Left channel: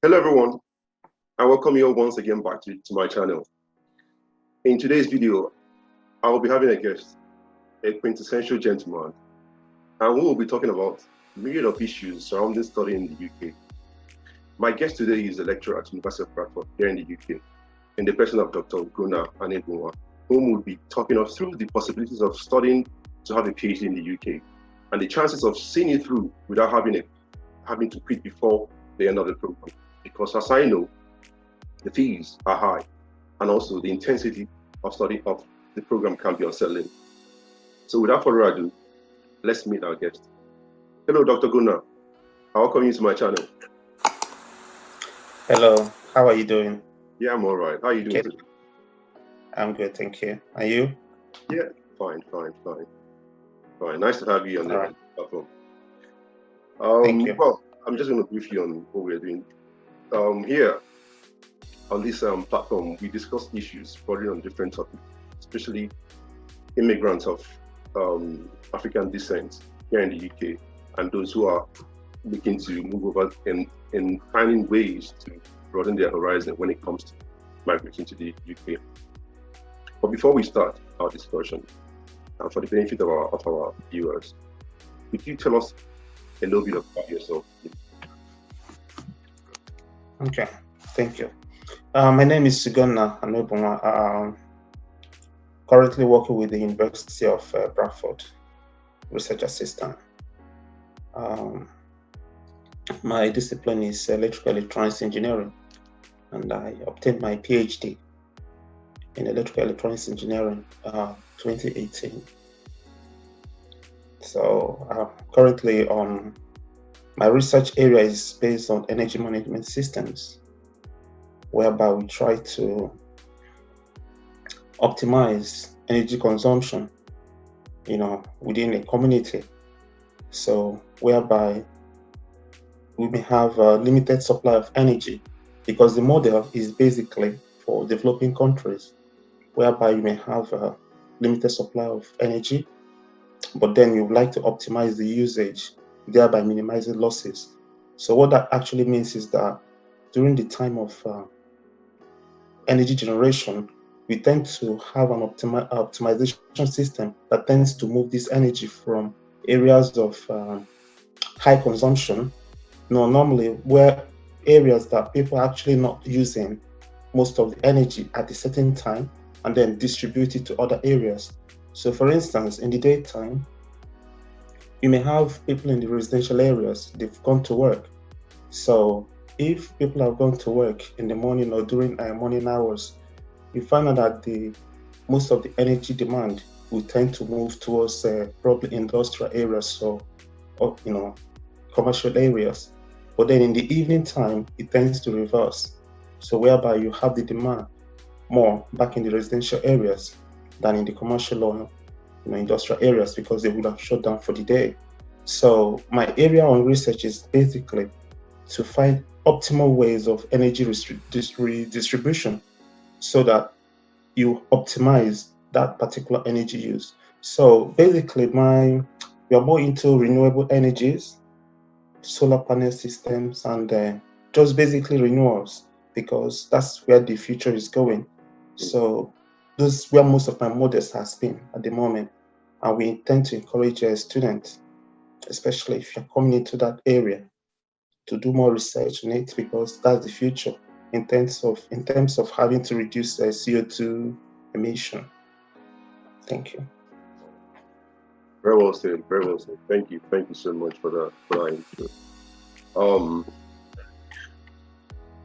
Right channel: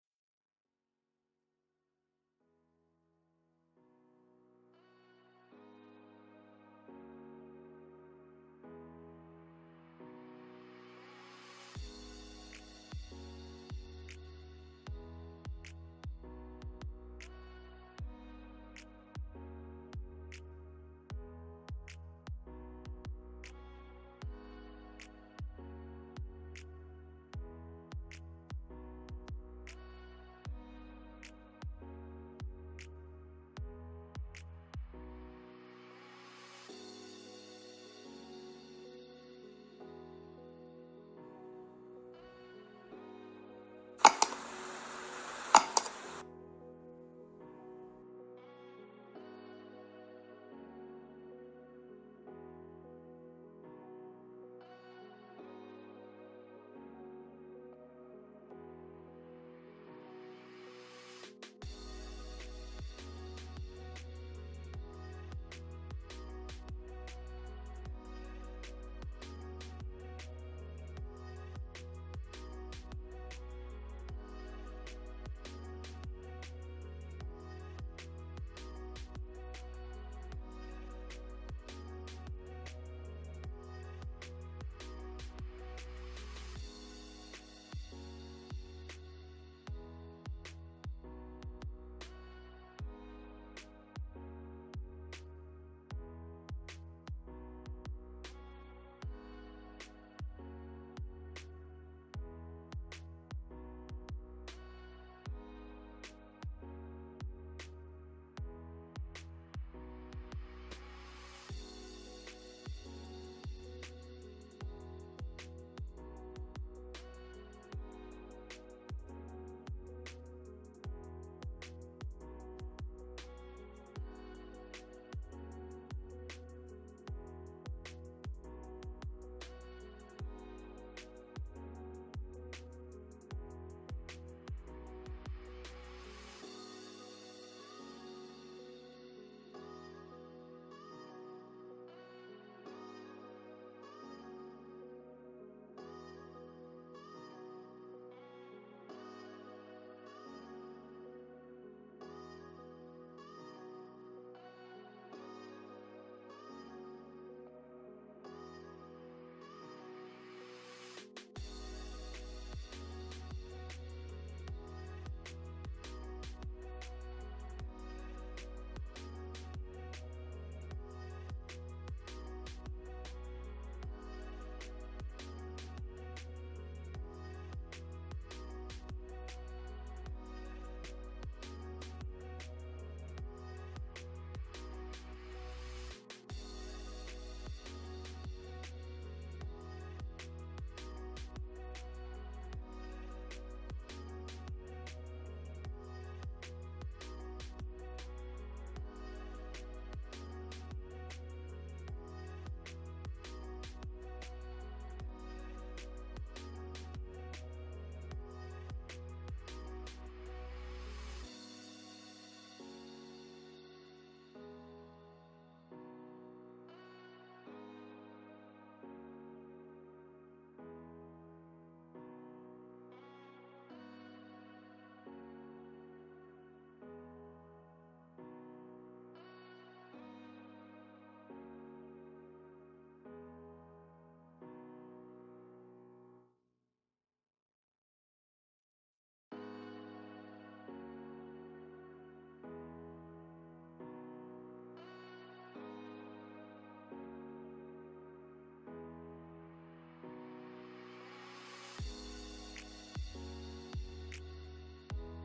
Hello everyone, and welcome you all once again back to my channel. In today's video, I will be having a guest, a quintessential gentleman, and we will be talking about a myriad of issues surrounding studying in the UK. My guest today is a lecturer at University of Bradford here in the UK, in the person of Dr. Ugonna Anebunwa, whom will be talking us through the possibilities of studying to have a PhD in the UK, and the chances of seeing it through without having to quit before the end of the program. Because as I know, the fees are high, and also the intensity of study of the program can be unsettling. So without further ado, let's meet our guest. Hello, Dr. Gunnar. I welcome you to my channel. Hello, how are you doing? Yeah, I'm all right. How are you doing today? I'm good, thank you. Are you? Yeah, fine. Nice to have you on the platform. Thank you. Well, I'm just going to brief you on what we're doing. Here on this platform, we discuss issues bordering on different topics, especially immigrants of African descent here in the UK, and those who are looking to move over and finding ways to broaden their horizon when it comes to migration to the UK. But before we start our discussion, and for the benefit of our viewers, could you tell us a little bit about yourself? Okay, thank you. My name is Ugonna Anebunwa. Currently working with the University of Bradford, research assistant. My discipline is electrical electronics engineering, and I obtained my PhD in electrical electronics engineering 2018. So currently my research area is based on energy management systems, whereby we try to optimize energy consumption, within a community. So whereby we may have a limited supply of energy, because the model is basically for developing countries, whereby you may have a limited supply of energy, but then you would like to optimize the usage, thereby minimizing losses. So what that actually means is that during the time of energy generation, we tend to have an optimization system that tends to move this energy from areas of high consumption, normally where areas that people are actually not using most of the energy at a certain time, and then distribute it to other areas. So for instance, in the daytime, you may have people in the residential areas, they've gone to work. So if people have gone to work in the morning or during morning hours, you find out that most of the energy demand will tend to move towards probably industrial areas or commercial areas. But then in the evening time, it tends to reverse. So whereby you have the demand more back in the residential areas than in the commercial or industrial areas, because they would have shut down for the day. So my area on research is basically to find optimal ways of energy redistribution so that you optimize that particular energy use. So basically we are more into renewable energies, solar panel systems, and just basically renewals, because that's where the future is going. So this is where most of my models has been at the moment, and we intend to encourage students, especially if you're coming into that area, to do more research on it, because that's the future in terms of having to reduce CO2 emission. Thank you. Very well said. Thank you so much for that intro.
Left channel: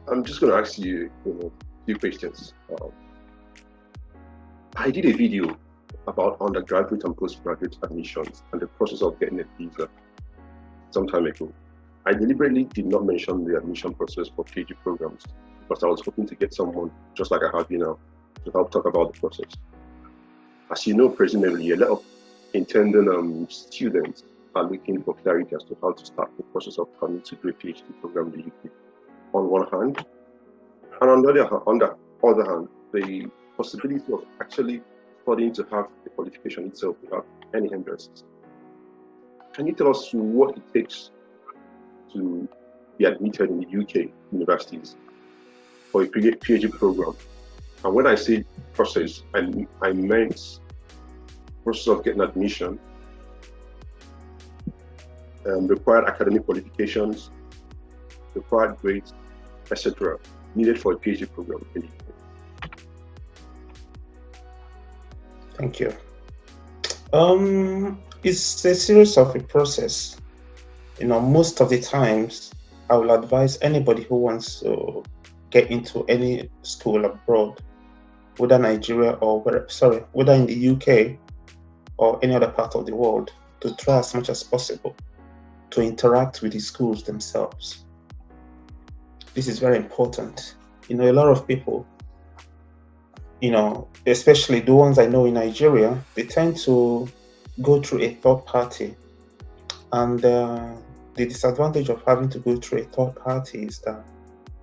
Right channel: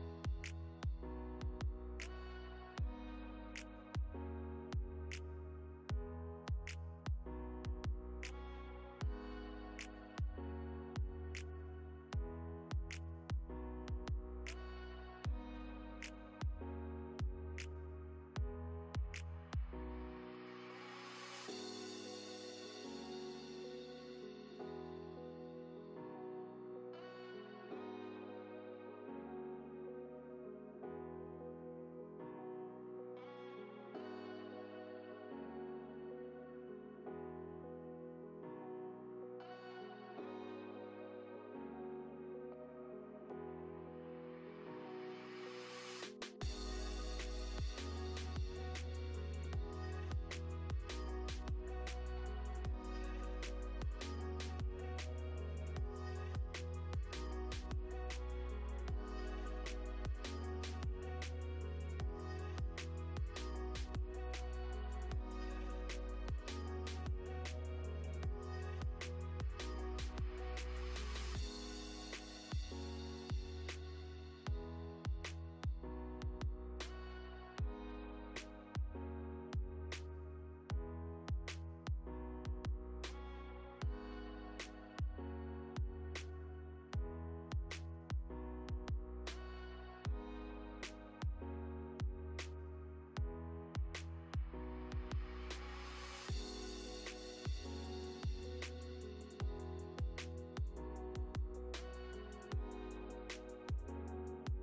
I'm just going to ask you a few questions. I did a video about undergraduate and postgraduate admissions and the process of getting a visa some time ago. I deliberately did not mention the admission process for PhD programs because I was hoping to get someone just like I have you now to help talk about the process. As you know, presumably a lot of intending students are looking for clarity as to how to start the process of coming to do a PhD program in the UK on one hand, and on the other hand, the possibility of actually studying to have the qualification itself without any hindrances. Can you tell us what it takes to be admitted in the UK universities for a PhD program. And when I say process, I meant process of getting admission, required academic qualifications, required grades, etc., needed for a PhD program in the UK. Thank you. It's a series of a process. Most of the times, I will advise anybody who wants to get into any school abroad, whether Nigeria or whether in the UK or any other part of the world, to try as much as possible to interact with the schools themselves. This is very important. A lot of people, especially the ones I know in Nigeria, they tend to go through a third party. And the disadvantage of having to go through a third party is that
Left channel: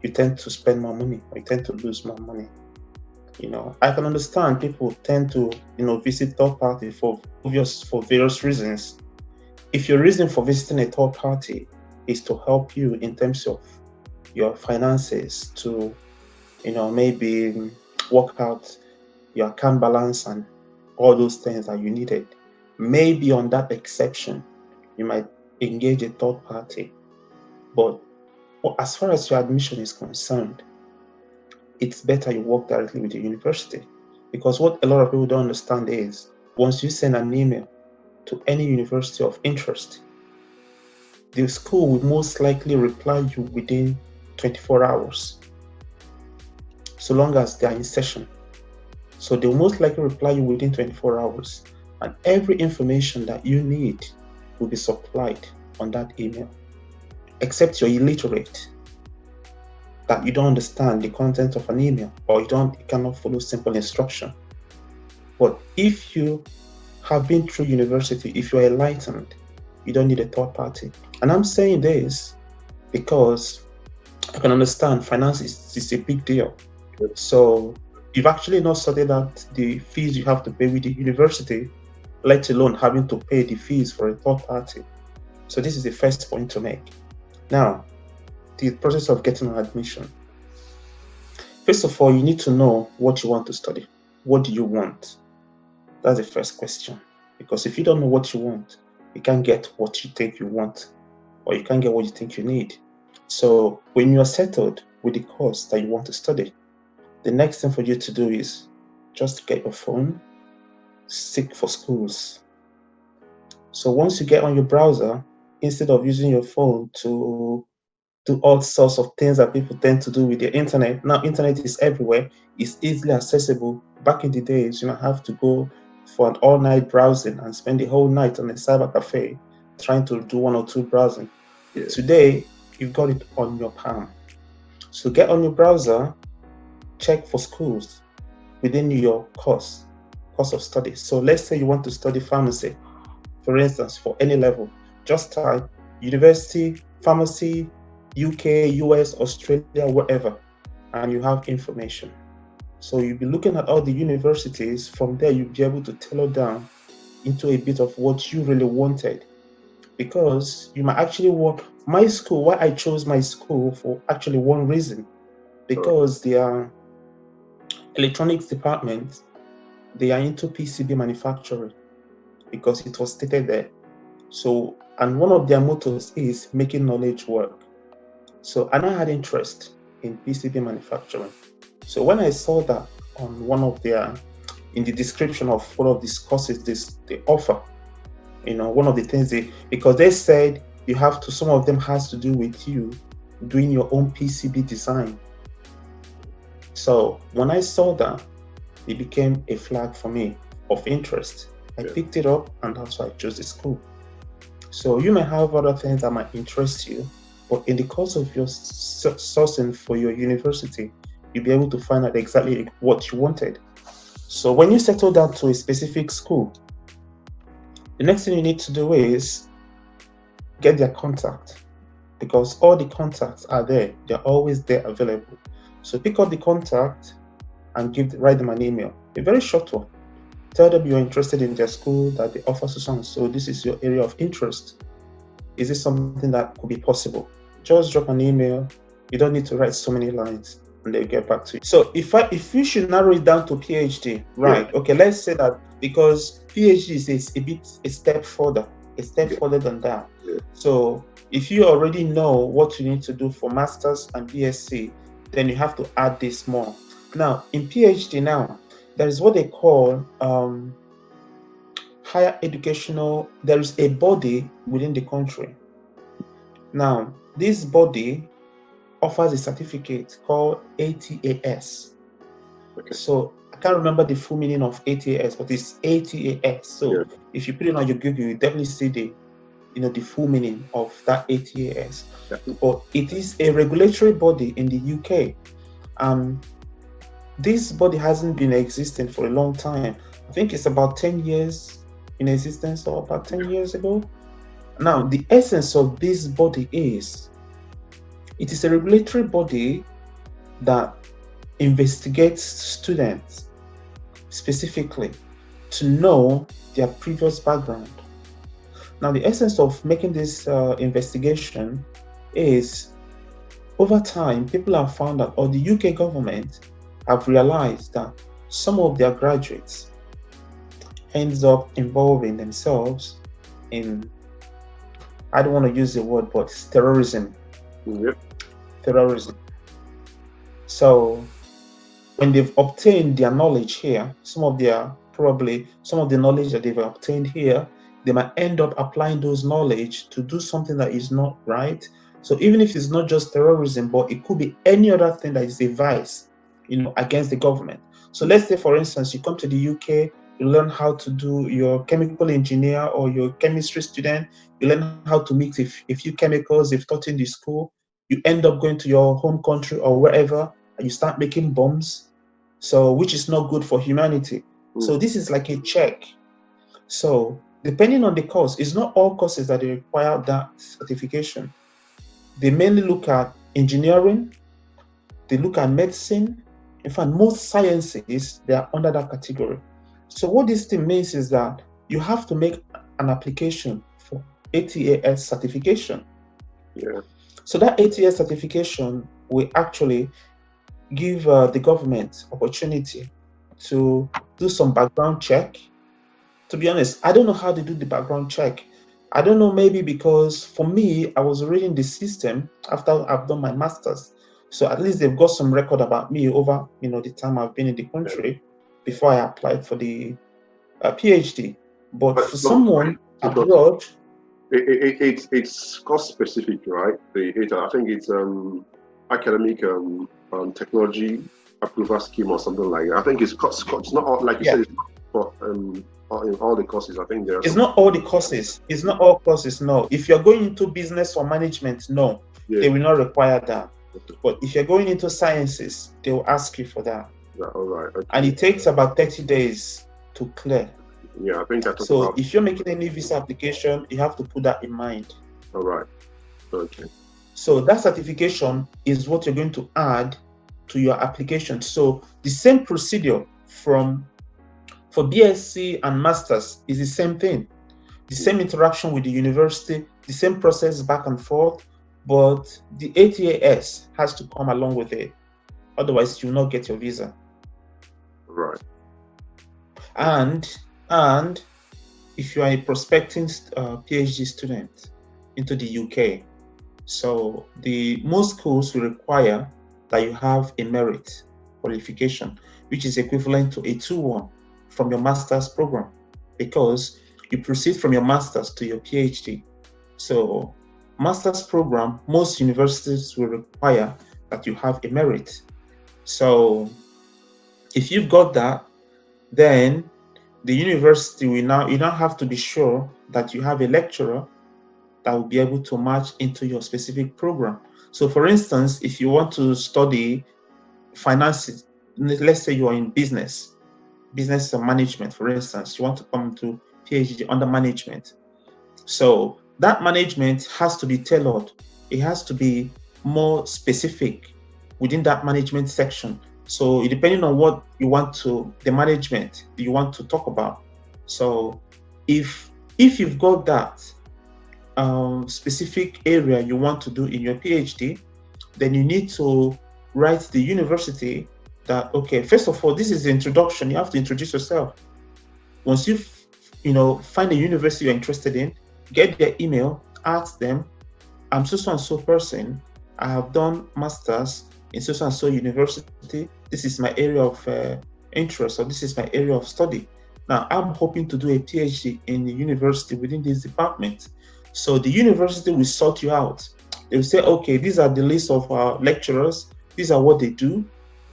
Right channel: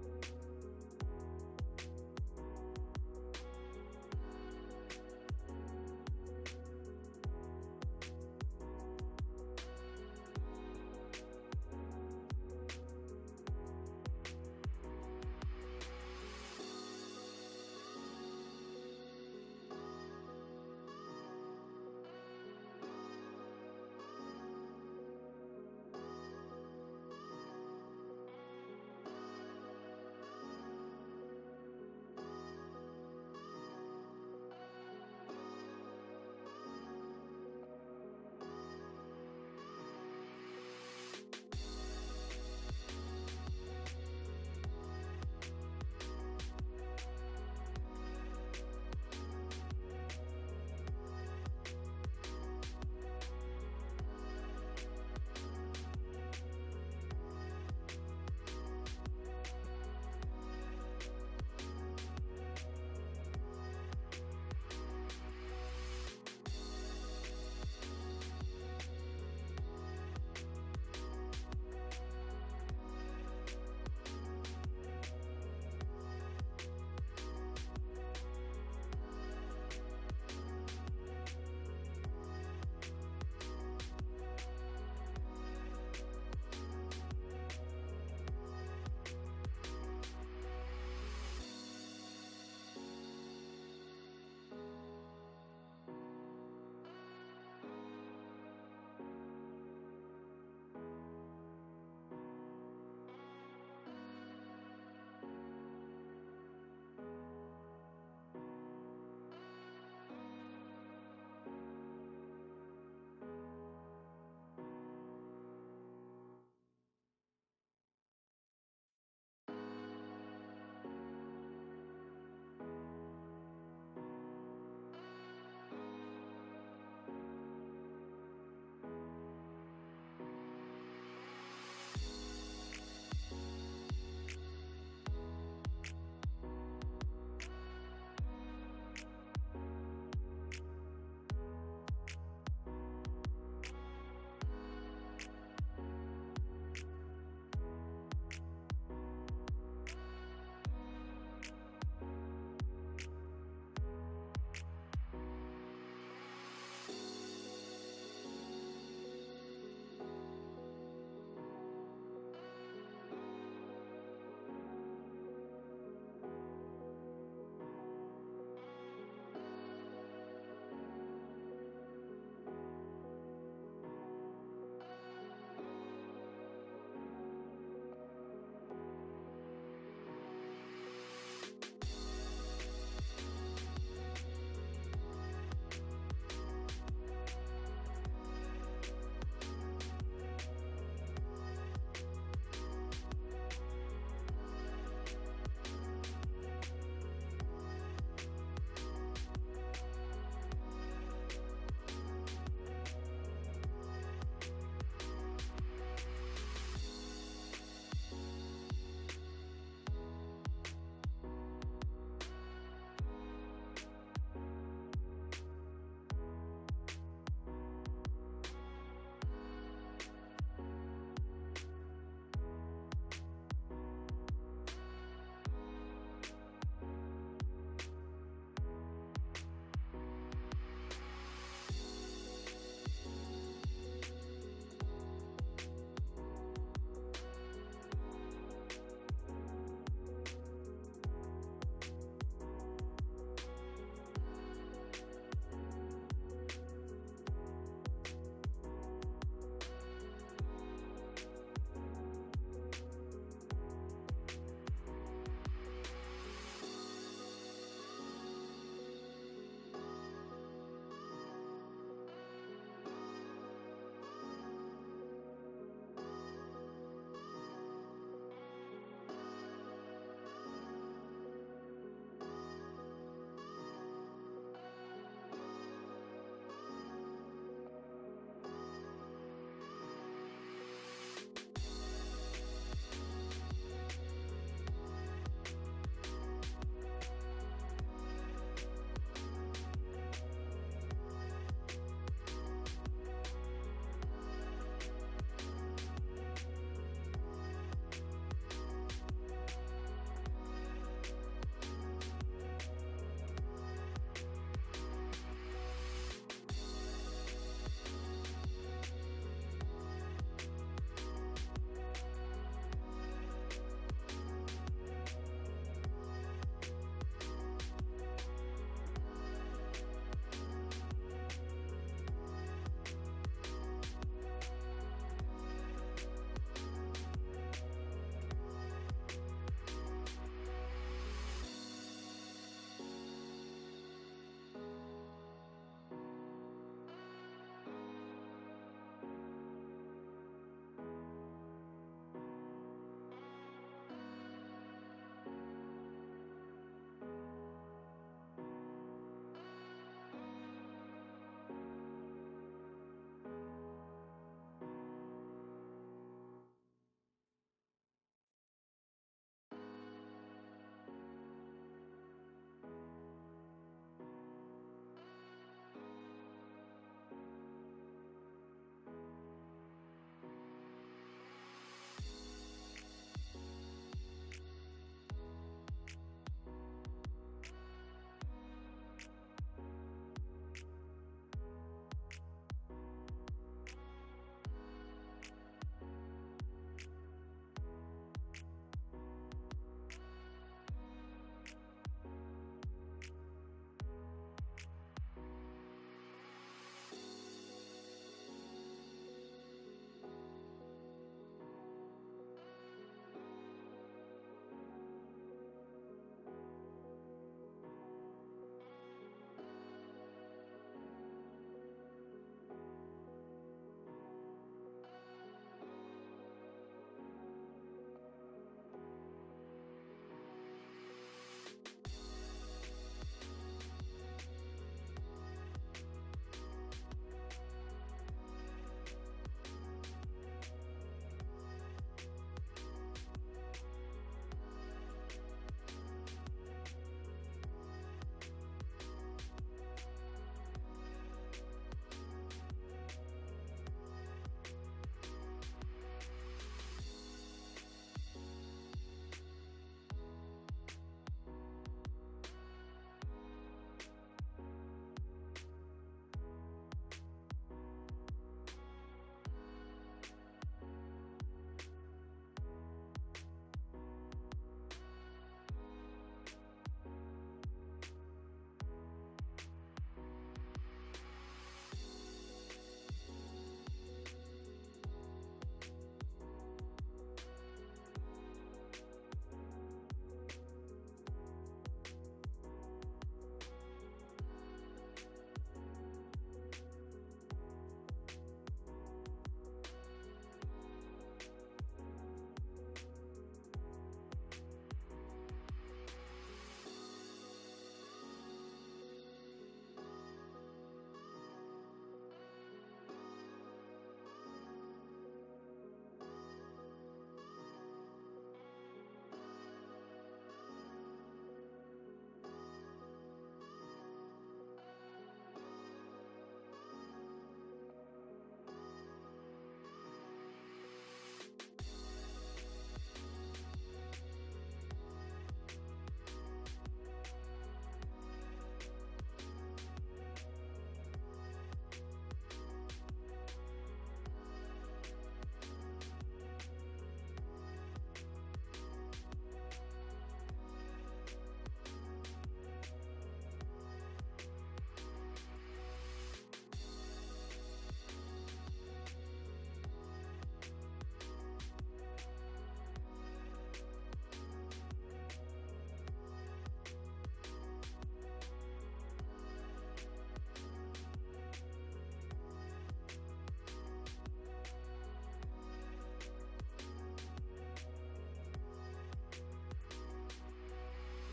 you tend to spend more money, or you tend to lose more money. I can understand people tend to, visit third party for various reasons. If your reason for visiting a third party is to help you in terms of your finances, to, maybe work out your account balance and all those things that you needed, maybe on that exception, you might engage a third party. But as far as your admission is concerned, it's better you work directly with the university, because what a lot of people don't understand is once you send an email to any university of interest, the school will most likely reply you within 24 hours, so long as they are in session. So they'll most likely reply you within 24 hours, and every information that you need will be supplied on that email, except you're illiterate, that you don't understand the content of an email, or you cannot follow simple instruction. But if you have been through university, if you are enlightened, you don't need a third party. And I'm saying this because I can understand finance is a big deal. So you've actually not sorted out the fees you have to pay with the university, let alone having to pay the fees for a third party. So this is the first point to make. Now, the process of getting an admission. First of all, you need to know what you want to study. What do you want? That's the first question. Because if you don't know what you want, you can't get what you think you want, or you can't get what you think you need. So when you are settled with the course that you want to study, the next thing for you to do is just get your phone, seek for schools. So once you get on your browser, instead of using your phone to do all sorts of things that people tend to do with the internet, now internet is everywhere, it's easily accessible. Back in the days, have to go for an all-night browsing and spend the whole night on a cyber cafe trying to do one or two browsing. Yeah. Today, you've got it on your palm. So get on your browser, check for schools within your course of study. So let's say you want to study pharmacy, for instance, for any level. Just type university, pharmacy, UK, US, Australia, wherever, and you have information. So you'll be looking at all the universities. From there, you'll be able to tailor down into a bit of what you really wanted, because you might actually work. My school, why I chose my school for actually one reason, because their electronics department, they are into PCB manufacturing, because it was stated there. So, and one of their mottos is making knowledge work. So, and I had interest in PCB manufacturing. So when I saw that on one of their, in the description of one of these courses they offer, one of the things because they said you have to, some of them has to do with you doing your own PCB design. So when I saw that, it became a flag for me of interest. I picked it up, and that's why I chose the school. So you may have other things that might interest you, but in the course of your sourcing for your university, you'll be able to find out exactly what you wanted. So when you settle down to a specific school, the next thing you need to do is get their contact, because all the contacts are there. They're always there available. So pick up the contact and write them an email, a very short one. Tell them you're interested in their school, that they offer so this is your area of interest. Is this something that could be possible? just drop an email. You don't need to write so many lines, and they'll get back to you. So if you should narrow it down to PhD, right? Yeah. Okay, let's say that because PhD is a step further than that. Yeah. So if you already know what you need to do for masters and BSc, then you have to add this more. Now in PhD now, there is what they call higher educational. There is a body within the country. Now this body offers a certificate called ATAS. Okay. So I can't remember the full meaning of ATAS, but it's ATAS. So Yeah. if you put it on your Google, you definitely see the full meaning of that ATAS. Yeah. But it is a regulatory body in the UK. This body hasn't been existing for a long time. I think it's about 10 years in existence, or about 10 years ago. Now, the essence of this body is, it is a regulatory body that investigates students specifically to know their previous background. Now, the essence of making this investigation is, over time, people have found that, or the UK government have realized that some of their graduates ends up involving themselves in, I don't want to use the word, but terrorism. Yep. Terrorism. So when they've obtained their knowledge here, some of the knowledge that they've obtained here, they might end up applying those knowledge to do something that is not right. So even if it's not just terrorism, but it could be any other thing that is a vice, against the government. So let's say, for instance, you come to the UK, you learn how to do your chemical engineer or your chemistry student, you learn how to mix a few chemicals they've taught in the school, you end up going to your home country or wherever, and you start making bombs, so which is not good for humanity. So this is like a check. So depending on the course, it's not all courses that they require that certification. They mainly look at engineering, they look at medicine. In fact, most sciences, they are under that category. So what this thing means is that you have to make an application for ATAS certification. Yeah. So that ATAS certification will actually give the government opportunity to do some background check. To be honest, I don't know how they do the background check. I don't know, maybe because for me, I was already in the system after I've done my master's. So at least they've got some record about me over, the time I've been in the country before I applied for the PhD. But for someone abroad, it's cost specific, right? I think it's academic technology approval scheme or something like that. I think it's not all, like you said, it's not in all the courses. I think it's not all the courses. It's not all courses. No, if you're going into business or management, no, they will not require that. But if you're going into sciences, they will ask you for that. Yeah, all right. Okay. And it takes about 30 days to clear. Yeah, I think that's so. If you're making any visa application, you have to put that in mind. All right. Okay. So that certification is what you're going to add to your application. So the same procedure for BSc and masters is the same thing. The same interaction with the university, the same process back and forth, but the ATAS has to come along with it. Otherwise, you'll not get your visa. Right. And if you are a prospecting PhD student into the UK, so most schools will require that you have a merit qualification, which is equivalent to a 2-1 from your master's program, because you proceed from your master's to your PhD. So master's program, most universities will require that you have a merit. So if you've got that, then the university you now have to be sure that you have a lecturer that will be able to match into your specific program. So for instance, if you want to study finances, let's say you are in business and management, for instance, you want to come to PhD under management. So that management has to be tailored. It has to be more specific within that management section. So depending on what you want the management you want to talk about. So if you've got that, specific area you want to do in your PhD, then you need to write the university that, okay, first of all, this is the introduction. You have to introduce yourself. Once you find a university you're interested in, get their email, ask them, I'm so and so person. I have done masters in so and so university. This is my area of interest, or this is my area of study. Now, I'm hoping to do a PhD in the university within this department. So the university will sort you out. They will say, okay, these are the list of our lecturers. These are what they do.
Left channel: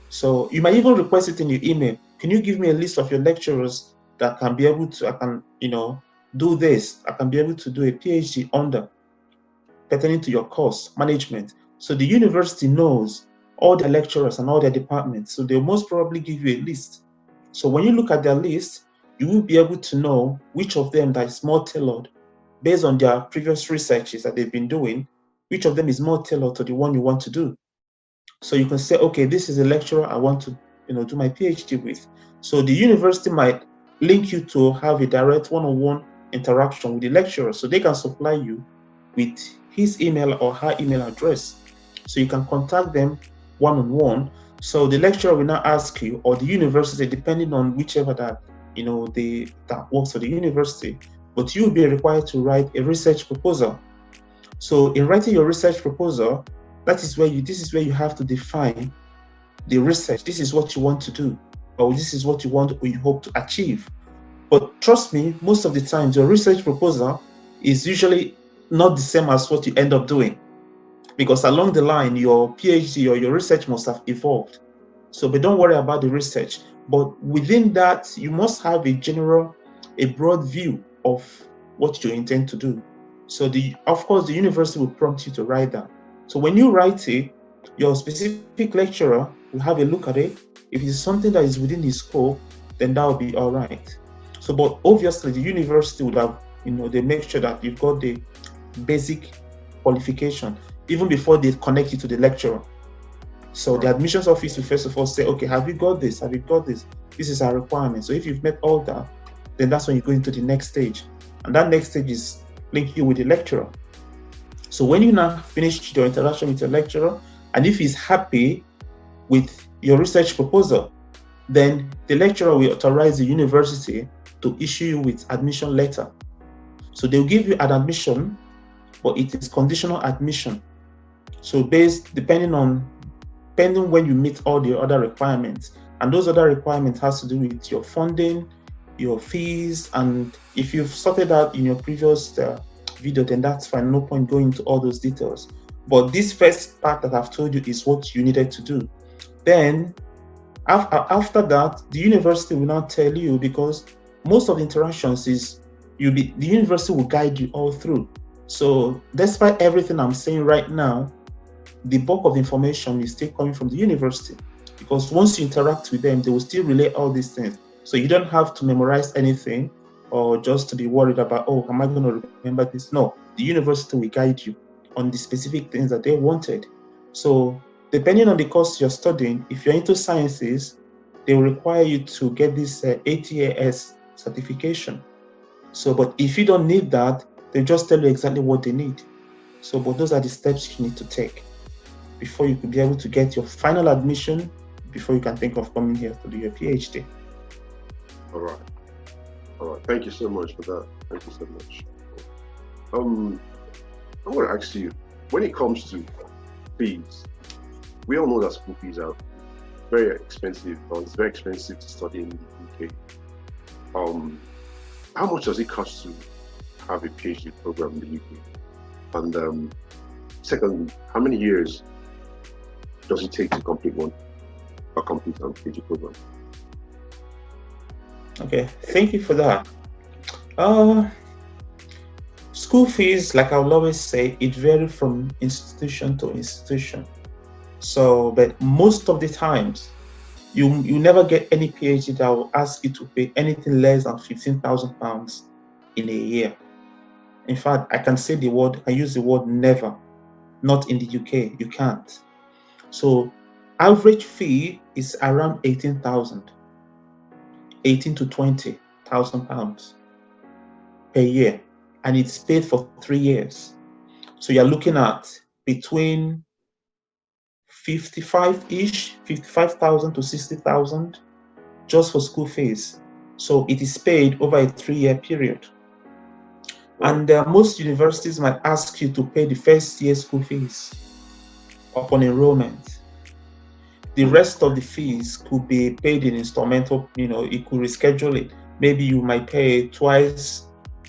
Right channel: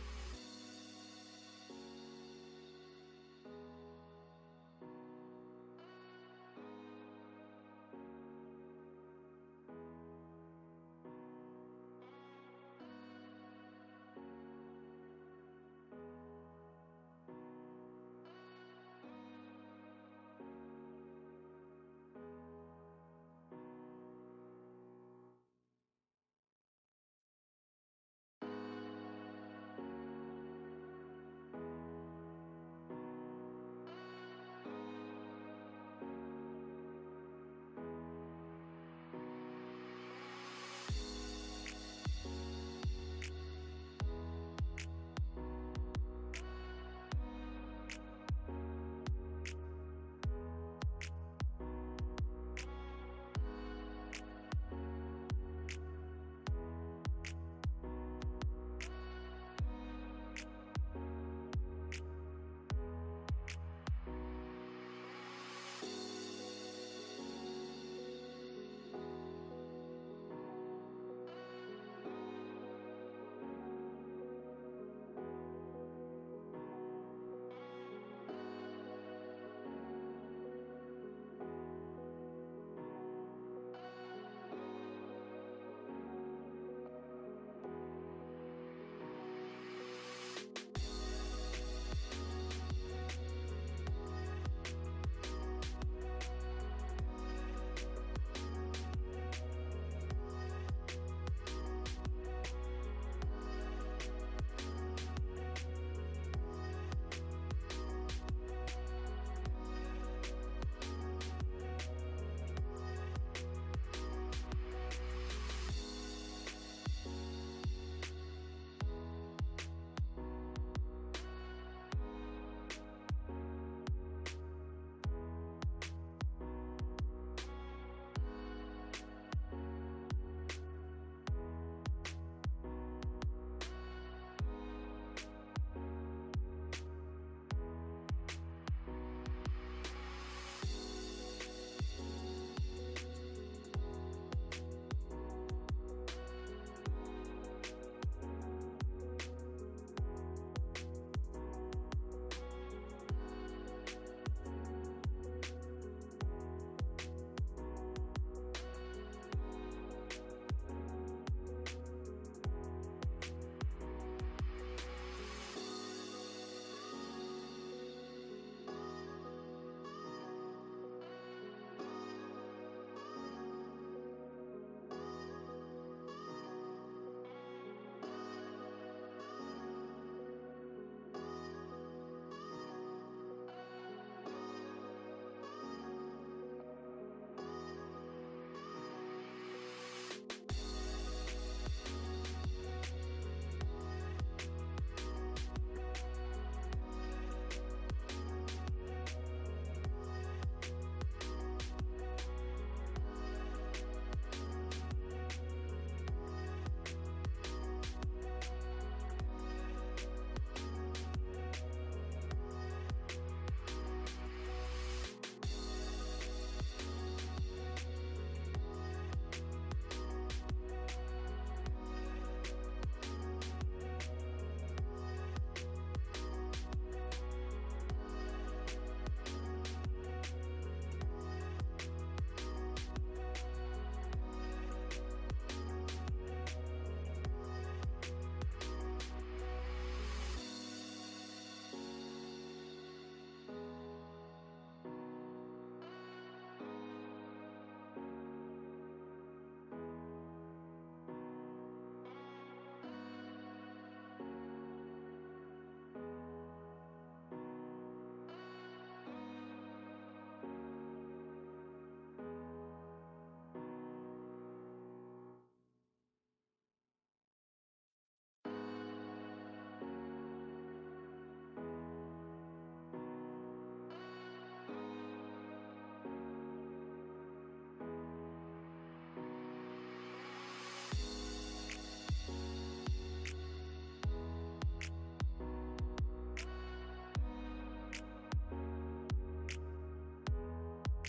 So you might even request it in your email. Can you give me a list of your lecturers that can be able to, I can, do this. I can be able to do a PhD under, pertaining to your course management. So the university knows all their lecturers and all their departments. So they'll most probably give you a list. So when you look at their list, you will be able to know which of them that is more tailored based on their previous researches that they've been doing, which of them is more tailored to the one you want to do. So you can say, okay, this is a lecturer I want to do my PhD with. So the university might link you to have a direct one-on-one interaction with the lecturer, so they can supply you with his email or her email address. So you can contact them one-on-one. So the lecturer will now ask you, or the university, depending on whichever that that works for the university, but you will be required to write a research proposal. So in writing your research proposal, this is where you have to define the research. This is what you want to do, or this is what you want or you hope to achieve. But trust me, most of the times your research proposal is usually not the same as what you end up doing, because along the line your PhD or your research must have evolved. So, but don't worry about the research. But within that, you must have a broad view of what you intend to do. So of course, the university will prompt you to write that. So when you write it, your specific lecturer will have a look at it. If it's something that is within his scope, then that will be all right. So, but obviously the university would have, they make sure that you've got the basic qualification even before they connect you to the lecturer. So the admissions office will first of all say, okay, have you got this? Have you got this? This is our requirement. So if you've met all that, then that's when you go into the next stage. And that next stage is link you with the lecturer. So when you now finish your interaction with your lecturer, and if he's happy with your research proposal, then the lecturer will authorize the university to issue you with admission letter. So they'll give you an admission, but it is conditional admission. So depending when you meet all the other requirements, and those other requirements has to do with your funding, your fees, and if you've sorted out in your previous video, then that's fine. No point going into all those details. But this first part that I've told you is what you needed to do. Then after that, the university will now tell you, because most of the interactions is the university will guide you all through. So despite everything I'm saying right now, the bulk of information is still coming from the university, because once you interact with them, they will still relay all these things. So you don't have to memorize anything or just to be worried about, oh, am I going to remember this? No, the university will guide you on the specific things that they wanted. So depending on the course you're studying, if you're into sciences, they will require you to get this ATAS certification. So, but if you don't need that, they just tell you exactly what they need. So, but those are the steps you need to take before you can be able to get your final admission, before you can think of coming here to do your PhD. All right. Thank you so much for that. Thank you so much. I want to ask you, when it comes to fees, we all know that school fees are very expensive, or it's very expensive to study in the UK. How much does it cost to have a PhD program in the UK? And secondly, how many years does it take to complete a PhD program? Okay, thank you for that. School fees, like I will always say, it varies from institution to institution. So, but most of the times, you never get any PhD that will ask you to pay anything less than £15,000 in a year. In fact, I use the word never. Not in the UK, you can't. So, average fee is around 18,000, 18 to 20,000 pounds per year. and it's paid for 3 years. So you're looking at between 55,000 to 60,000 just for school fees. So it is paid over a 3-year period. And most universities might ask you to pay the first year school fees upon enrollment. The rest of the fees could be paid in installmental, you could reschedule it. Maybe you might pay twice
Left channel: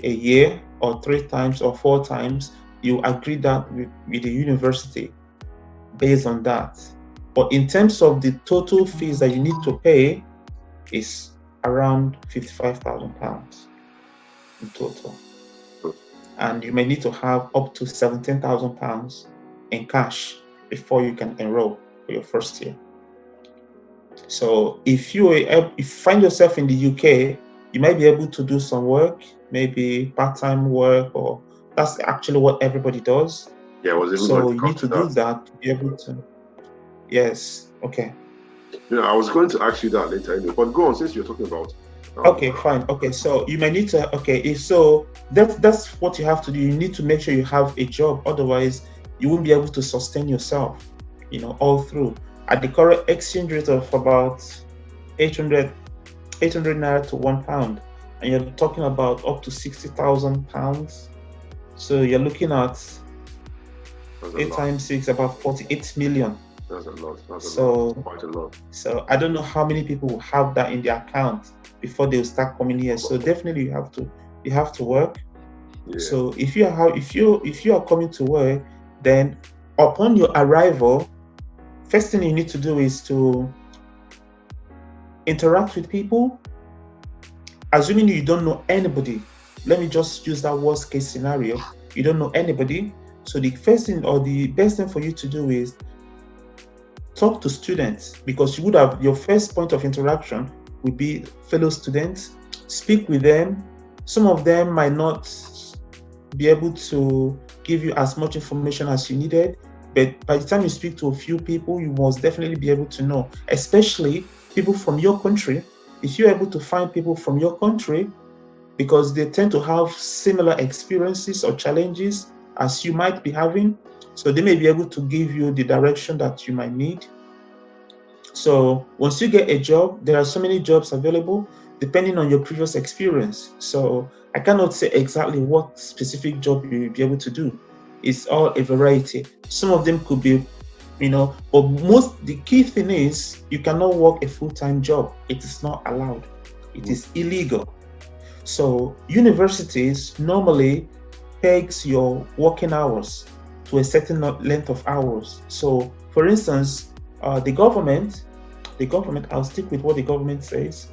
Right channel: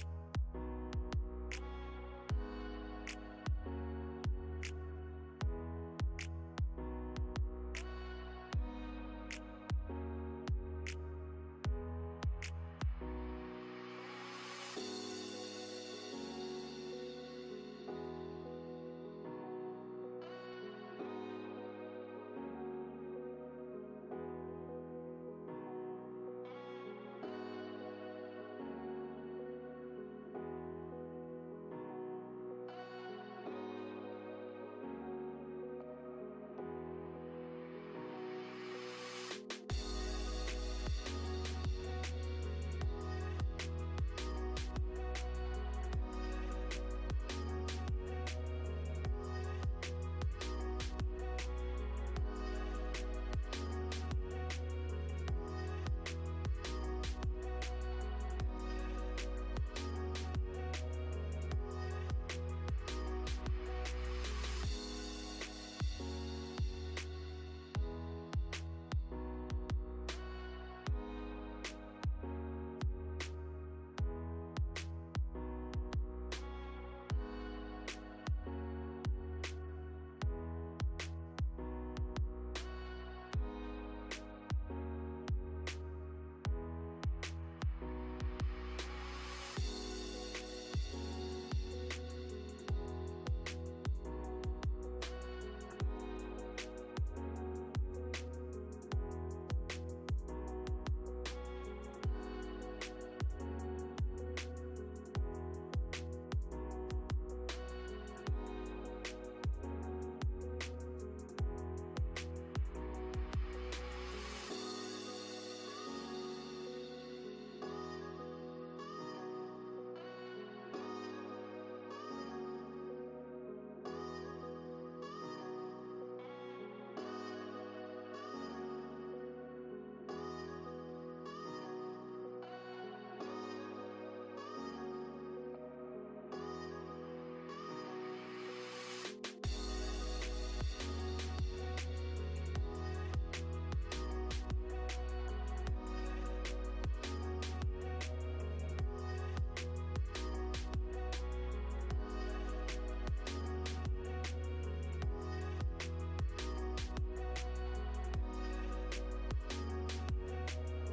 a year or 3 times or 4 times. You agree that with the university based on that. But in terms of the total fees that you need to pay is around £55,000 in total. And you may need to have up to £17,000 in cash before you can enroll for your first year. So if you find yourself in the UK, you might be able to do some work, maybe part-time work, or that's actually what everybody does. Yeah, I was even so going to you come need to to do that. that to be able to. Yes. Okay. I was going to ask you that later anyway, but go on, since you're talking about. Okay, fine. Okay, so you may need to. Okay, if so, that's what you have to do. You need to make sure you have a job. Otherwise, you won't be able to sustain yourself, all through. At the current exchange rate of about 800 naira to £1, and you're talking about up to £60,000. So you're looking at 8 times 6, about 48 million. That's a lot. That's quite a lot. So I don't know how many people will have that in their account before they'll start coming here. So definitely you have to work. Yeah. So if you are coming to work, then upon your arrival, first thing you need to do is to interact with people. Assuming you don't know anybody, let me just use that worst case scenario. You don't know anybody. So the first thing or the best thing for you to do is talk to students, because you would have your first point of interaction would be fellow students. Speak with them. Some of them might not be able to give you as much information as you needed, but by the time you speak to a few people, you must definitely be able to know, especially people from your country. If you're able to find people from your country, because they tend to have similar experiences or challenges as you might be having, so they may be able to give you the direction that you might need. So once you get a job, there are so many jobs available depending on your previous experience. So I cannot say exactly what specific job you'll be able to do. It's all a variety. Some of them could be, but the key thing is you cannot work a full-time job. It is not allowed. It is illegal. So universities normally pegs your working hours to a certain length of hours. So for instance, the government, I'll stick with what the government says,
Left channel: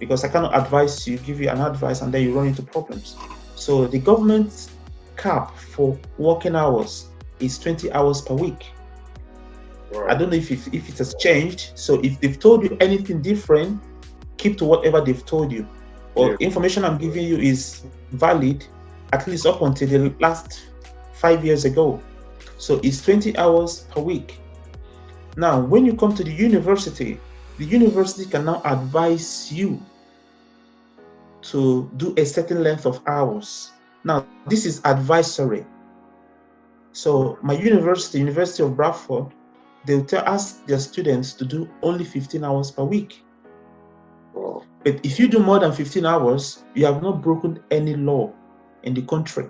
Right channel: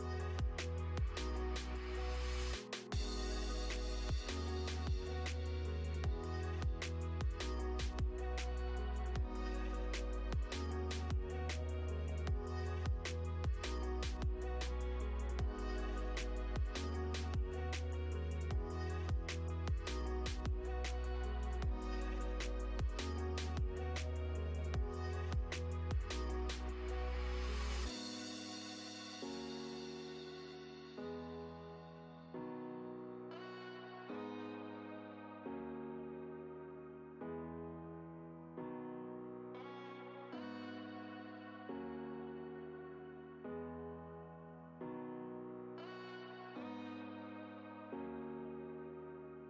because I cannot advise you, give you an advice and then you run into problems. So the government's cap for working hours is 20 hours per week. Wow. I don't know if it has changed. So if they've told you anything different, keep to whatever they've told you. Or information I'm giving you is valid at least up until the last 5 years ago. So it's 20 hours per week. Now, when you come to the university can now advise you to do a certain length of hours. Now, this is advisory. So my University of Bradford, they'll ask their students to do only 15 hours per week. Wow. But if you do more than 15 hours, you have not broken any law in the country.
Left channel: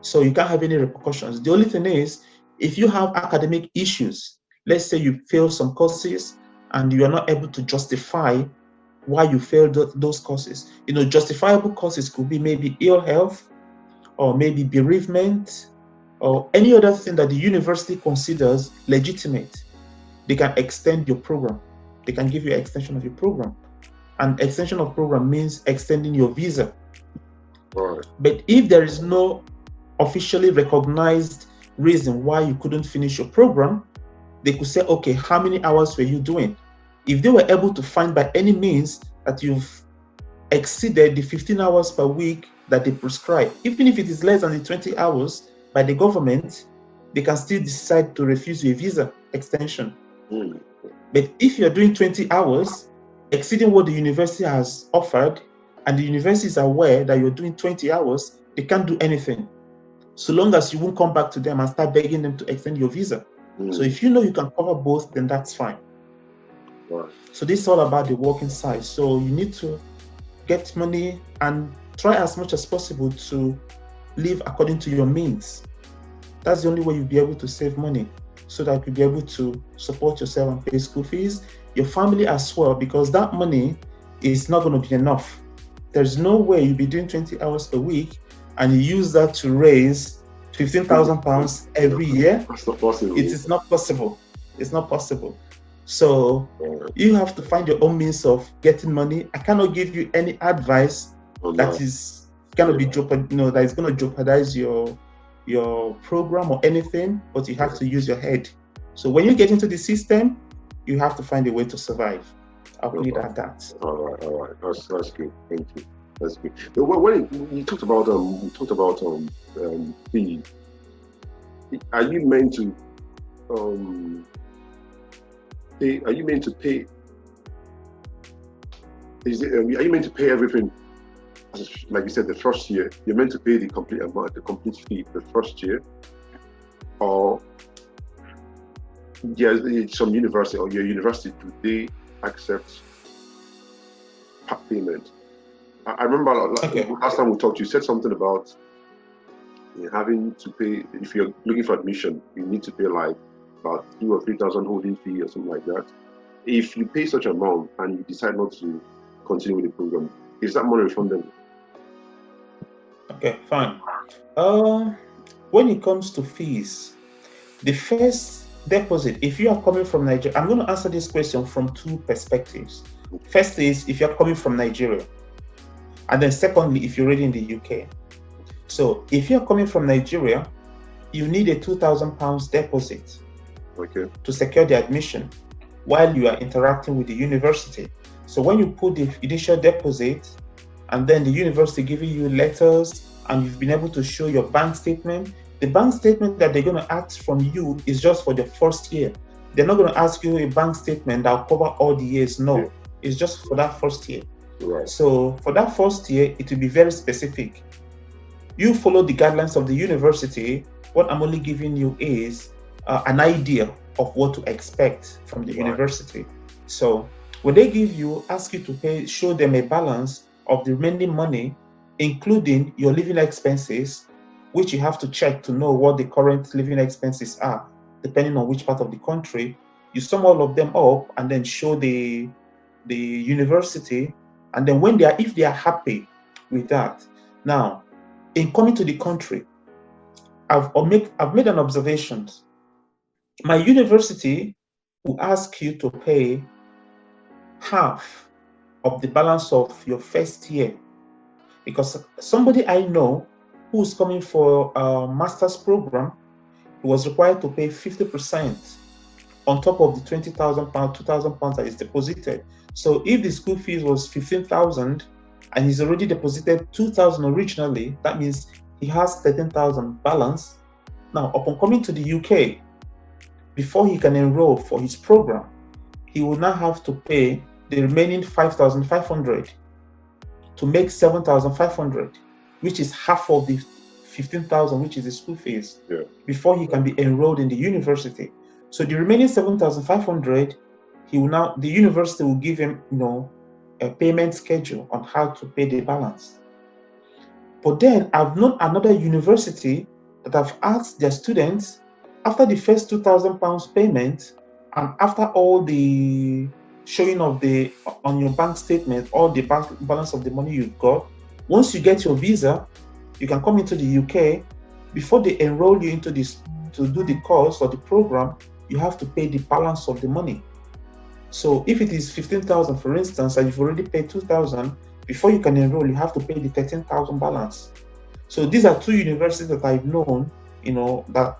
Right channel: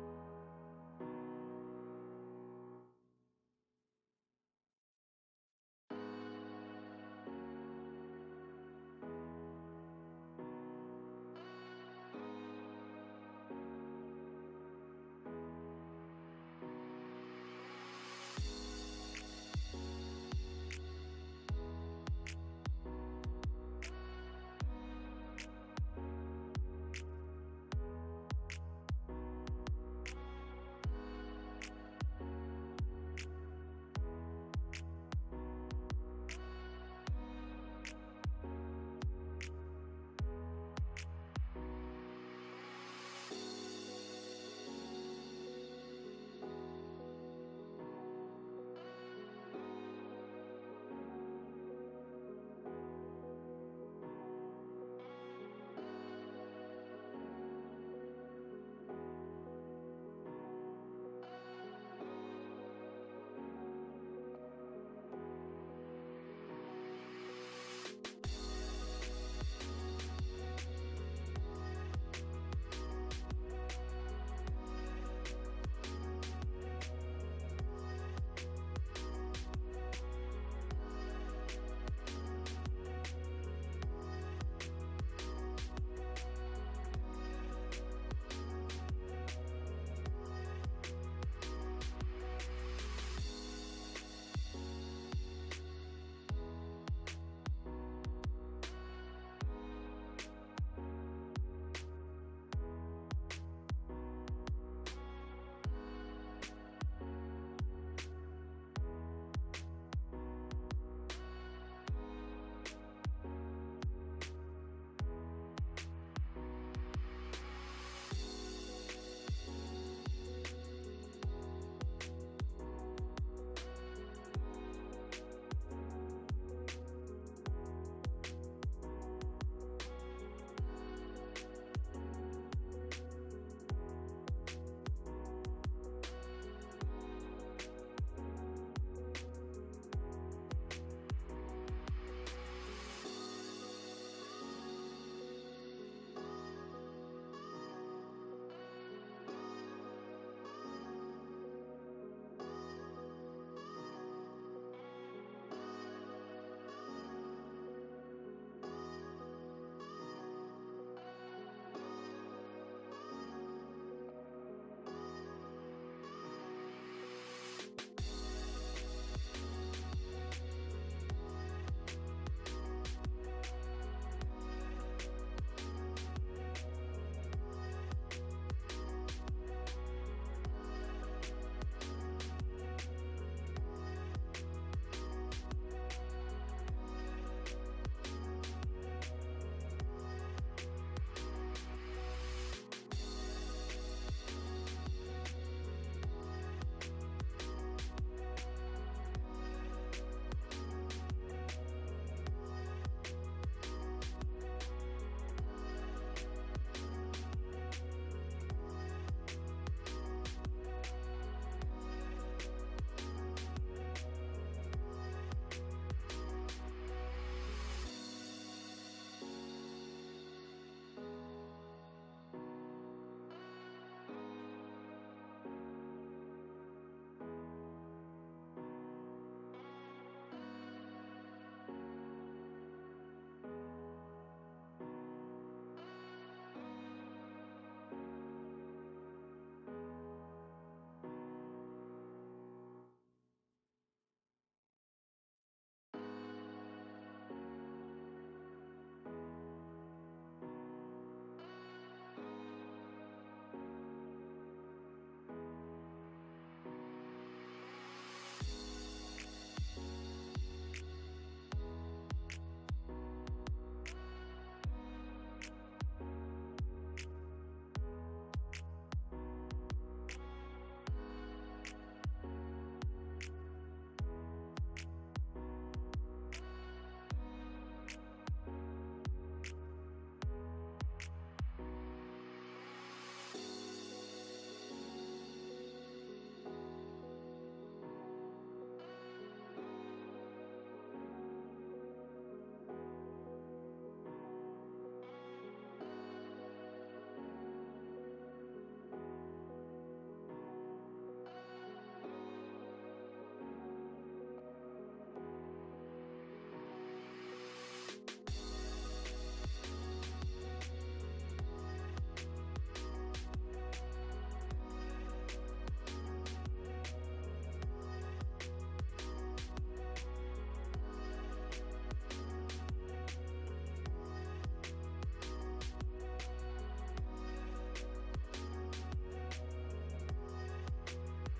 So you can't have any repercussions. The only thing is, if you have academic issues, let's say you fail some courses and you are not able to justify why you failed those courses. Justifiable causes could be maybe ill health, or maybe bereavement, or any other thing that the university considers legitimate. They can extend your program. They can give you an extension of your program. And extension of program means extending your visa. Right. But if there is no officially recognized reason why you couldn't finish your program, they could say, okay, how many hours were you doing? If they were able to find by any means that you've exceeded the 15 hours per week that they prescribe, even if it is less than the 20 hours by the government, they can still decide to refuse you a visa extension. But if you're doing 20 hours, exceeding what the university has offered, and the university is aware that you're doing 20 hours, They can't do anything. So long as you won't come back to them and start begging them to extend your visa. So if you know you can cover both, then that's fine. Right. So this is all about the working side. So you need to get money and try as much as possible to live according to your means. That's the only way you'll be able to save money, so that you'll be able to support yourself and pay school fees, your family as well, because that money is not going to be enough. There's no way you'll be doing 20 hours a week and you use that to raise £15,000 every year. That's not possible. It is not possible. It's not possible. So you have to find your own means of getting money. I cannot give you any advice that is going to be that is going to jeopardize your program or anything, but you have to use your head. So when you get into the system, you have to find a way to survive. I'll put it at that. All right. That's good. Thank you. That's good. When you talked about fee, are you meant to pay? Are you meant to pay? Are you meant to pay everything? Like you said, the first year, you're meant to pay the complete amount, the complete fee the first year, or some university or your university, do they accept part payment? I remember last time we talked, you said something about having to pay, if you're looking for admission, you need to pay like about 2,000 or 3,000 holding fee or something like that. If you pay such amount and you decide not to continue with the program, is that money refundable? Okay, fine. When it comes to fees, the first deposit, if you are coming from Nigeria, I'm going to answer this question from two perspectives. First is if you're coming from Nigeria, and then secondly, if you're already in the UK. So if you're coming from Nigeria, you need a £2,000 deposit to secure the admission while you are interacting with the university. So when you put the initial deposit, and then the university giving you letters, and you've been able to show your bank statement, the bank statement that they're going to ask from you is just for the first year. They're not going to ask you a bank statement that will cover all the years. No, it's just for that first year. Right. So for that first year, it will be very specific. You follow the guidelines of the university. What I'm only giving you is an idea of what to expect from the university. So when they ask you to pay, show them a balance of the remaining money, including your living expenses, which you have to check to know what the current living expenses are, depending on which part of the country. You sum all of them up and then show the university, and then if they are happy with that. Now, in coming to the country, I've made an observation. My university will ask you to pay half of the balance of your first year, because somebody I know who's coming for a master's program, he was required to pay 50% on top of the £20,000, £2,000 that is deposited. So if the school fees was 15,000 and he's already deposited 2,000 originally, that means he has 13,000 balance. Now, upon coming to the UK, before he can enroll for his program, he will now have to pay the remaining 5,500 to make 7,500, which is half of the 15,000, which is the school fees, before he can be enrolled in the university. So the remaining 7,500, the university will give him, a payment schedule on how to pay the balance. But then I've known another university that have asked their students, after the first £2,000 payment, and after all the showing of on your bank statement, all the bank balance of the money you've got, once you get your visa, you can come into the UK. Before they enroll you into this to do the course or the program, you have to pay the balance of the money. So if it is 15,000, for instance, and you've already paid 2,000, before you can enroll, you have to pay the 13,000 balance. So these are two universities that I've known, that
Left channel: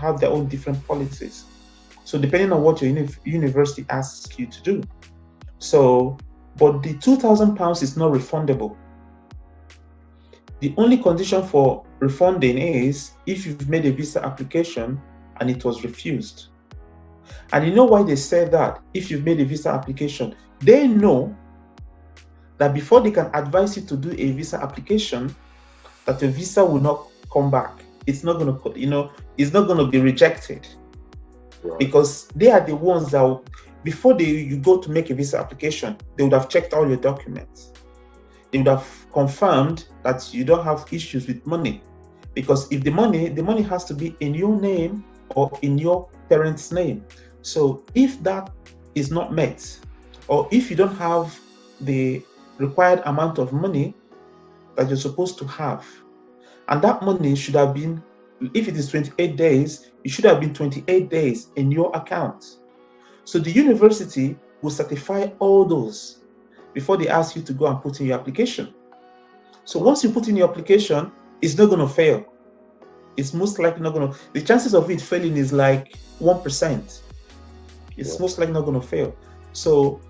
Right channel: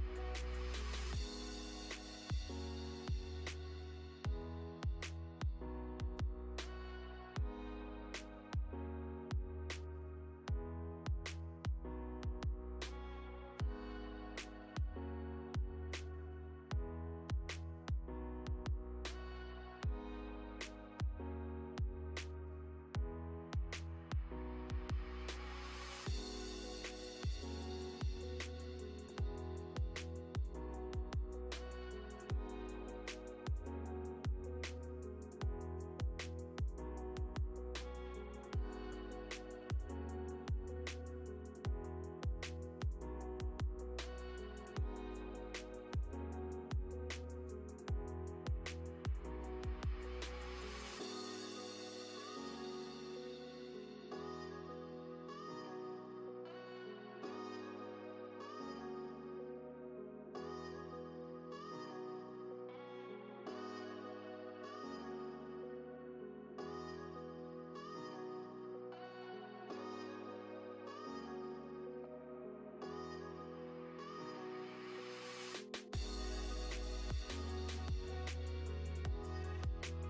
have their own different policies. So depending on what your university asks you to do. So, but the £2,000 is not refundable. The only condition for refunding is if you've made a visa application and it was refused. And you know why they said that? If you've made a visa application, they know that before they can advise you to do a visa application, that your visa will not come back. It's not going to, it's not going to be rejected, because they are the ones that, before you go to make a visa application, they would have checked all your documents. They would have confirmed that you don't have issues with money, because if the money has to be in your name or in your parents' name. So if that is not met, or if you don't have the required amount of money that you're supposed to have, and that money should have been, if it is 28 days, it should have been 28 days in your account. So the university will certify all those before they ask you to go and put in your application. So once you put in your application, it's not going to fail. It's most likely not going to, the chances of it failing is like 1%. It's most likely not going to fail. So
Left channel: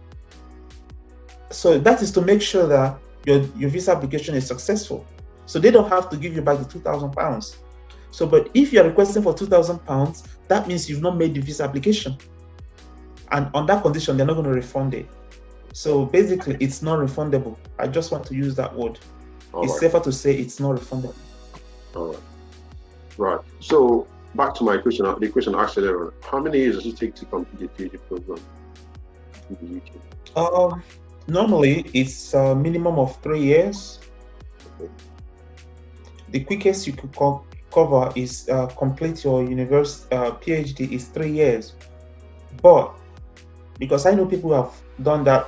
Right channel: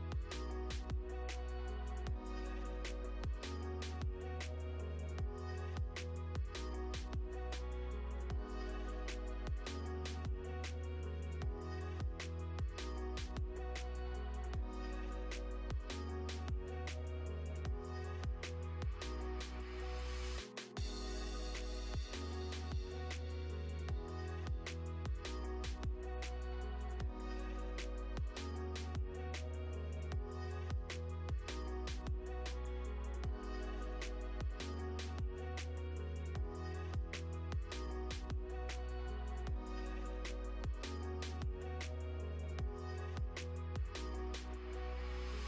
that is to make sure that your visa application is successful. So they don't have to give you back the £2,000. So, but if you're requesting for £2,000, that means you've not made the visa application. And on that condition, they're not going to refund it. So basically, it's not refundable. I just want to use that word. It's safer to say it's not refundable. All right. Right. So back to my question, the question asked earlier, how many years does it take to complete the PhD program in the UK? Normally, it's a minimum of 3 years. The quickest you could cover is complete your university PhD is 3 years. But because I know people who have done that,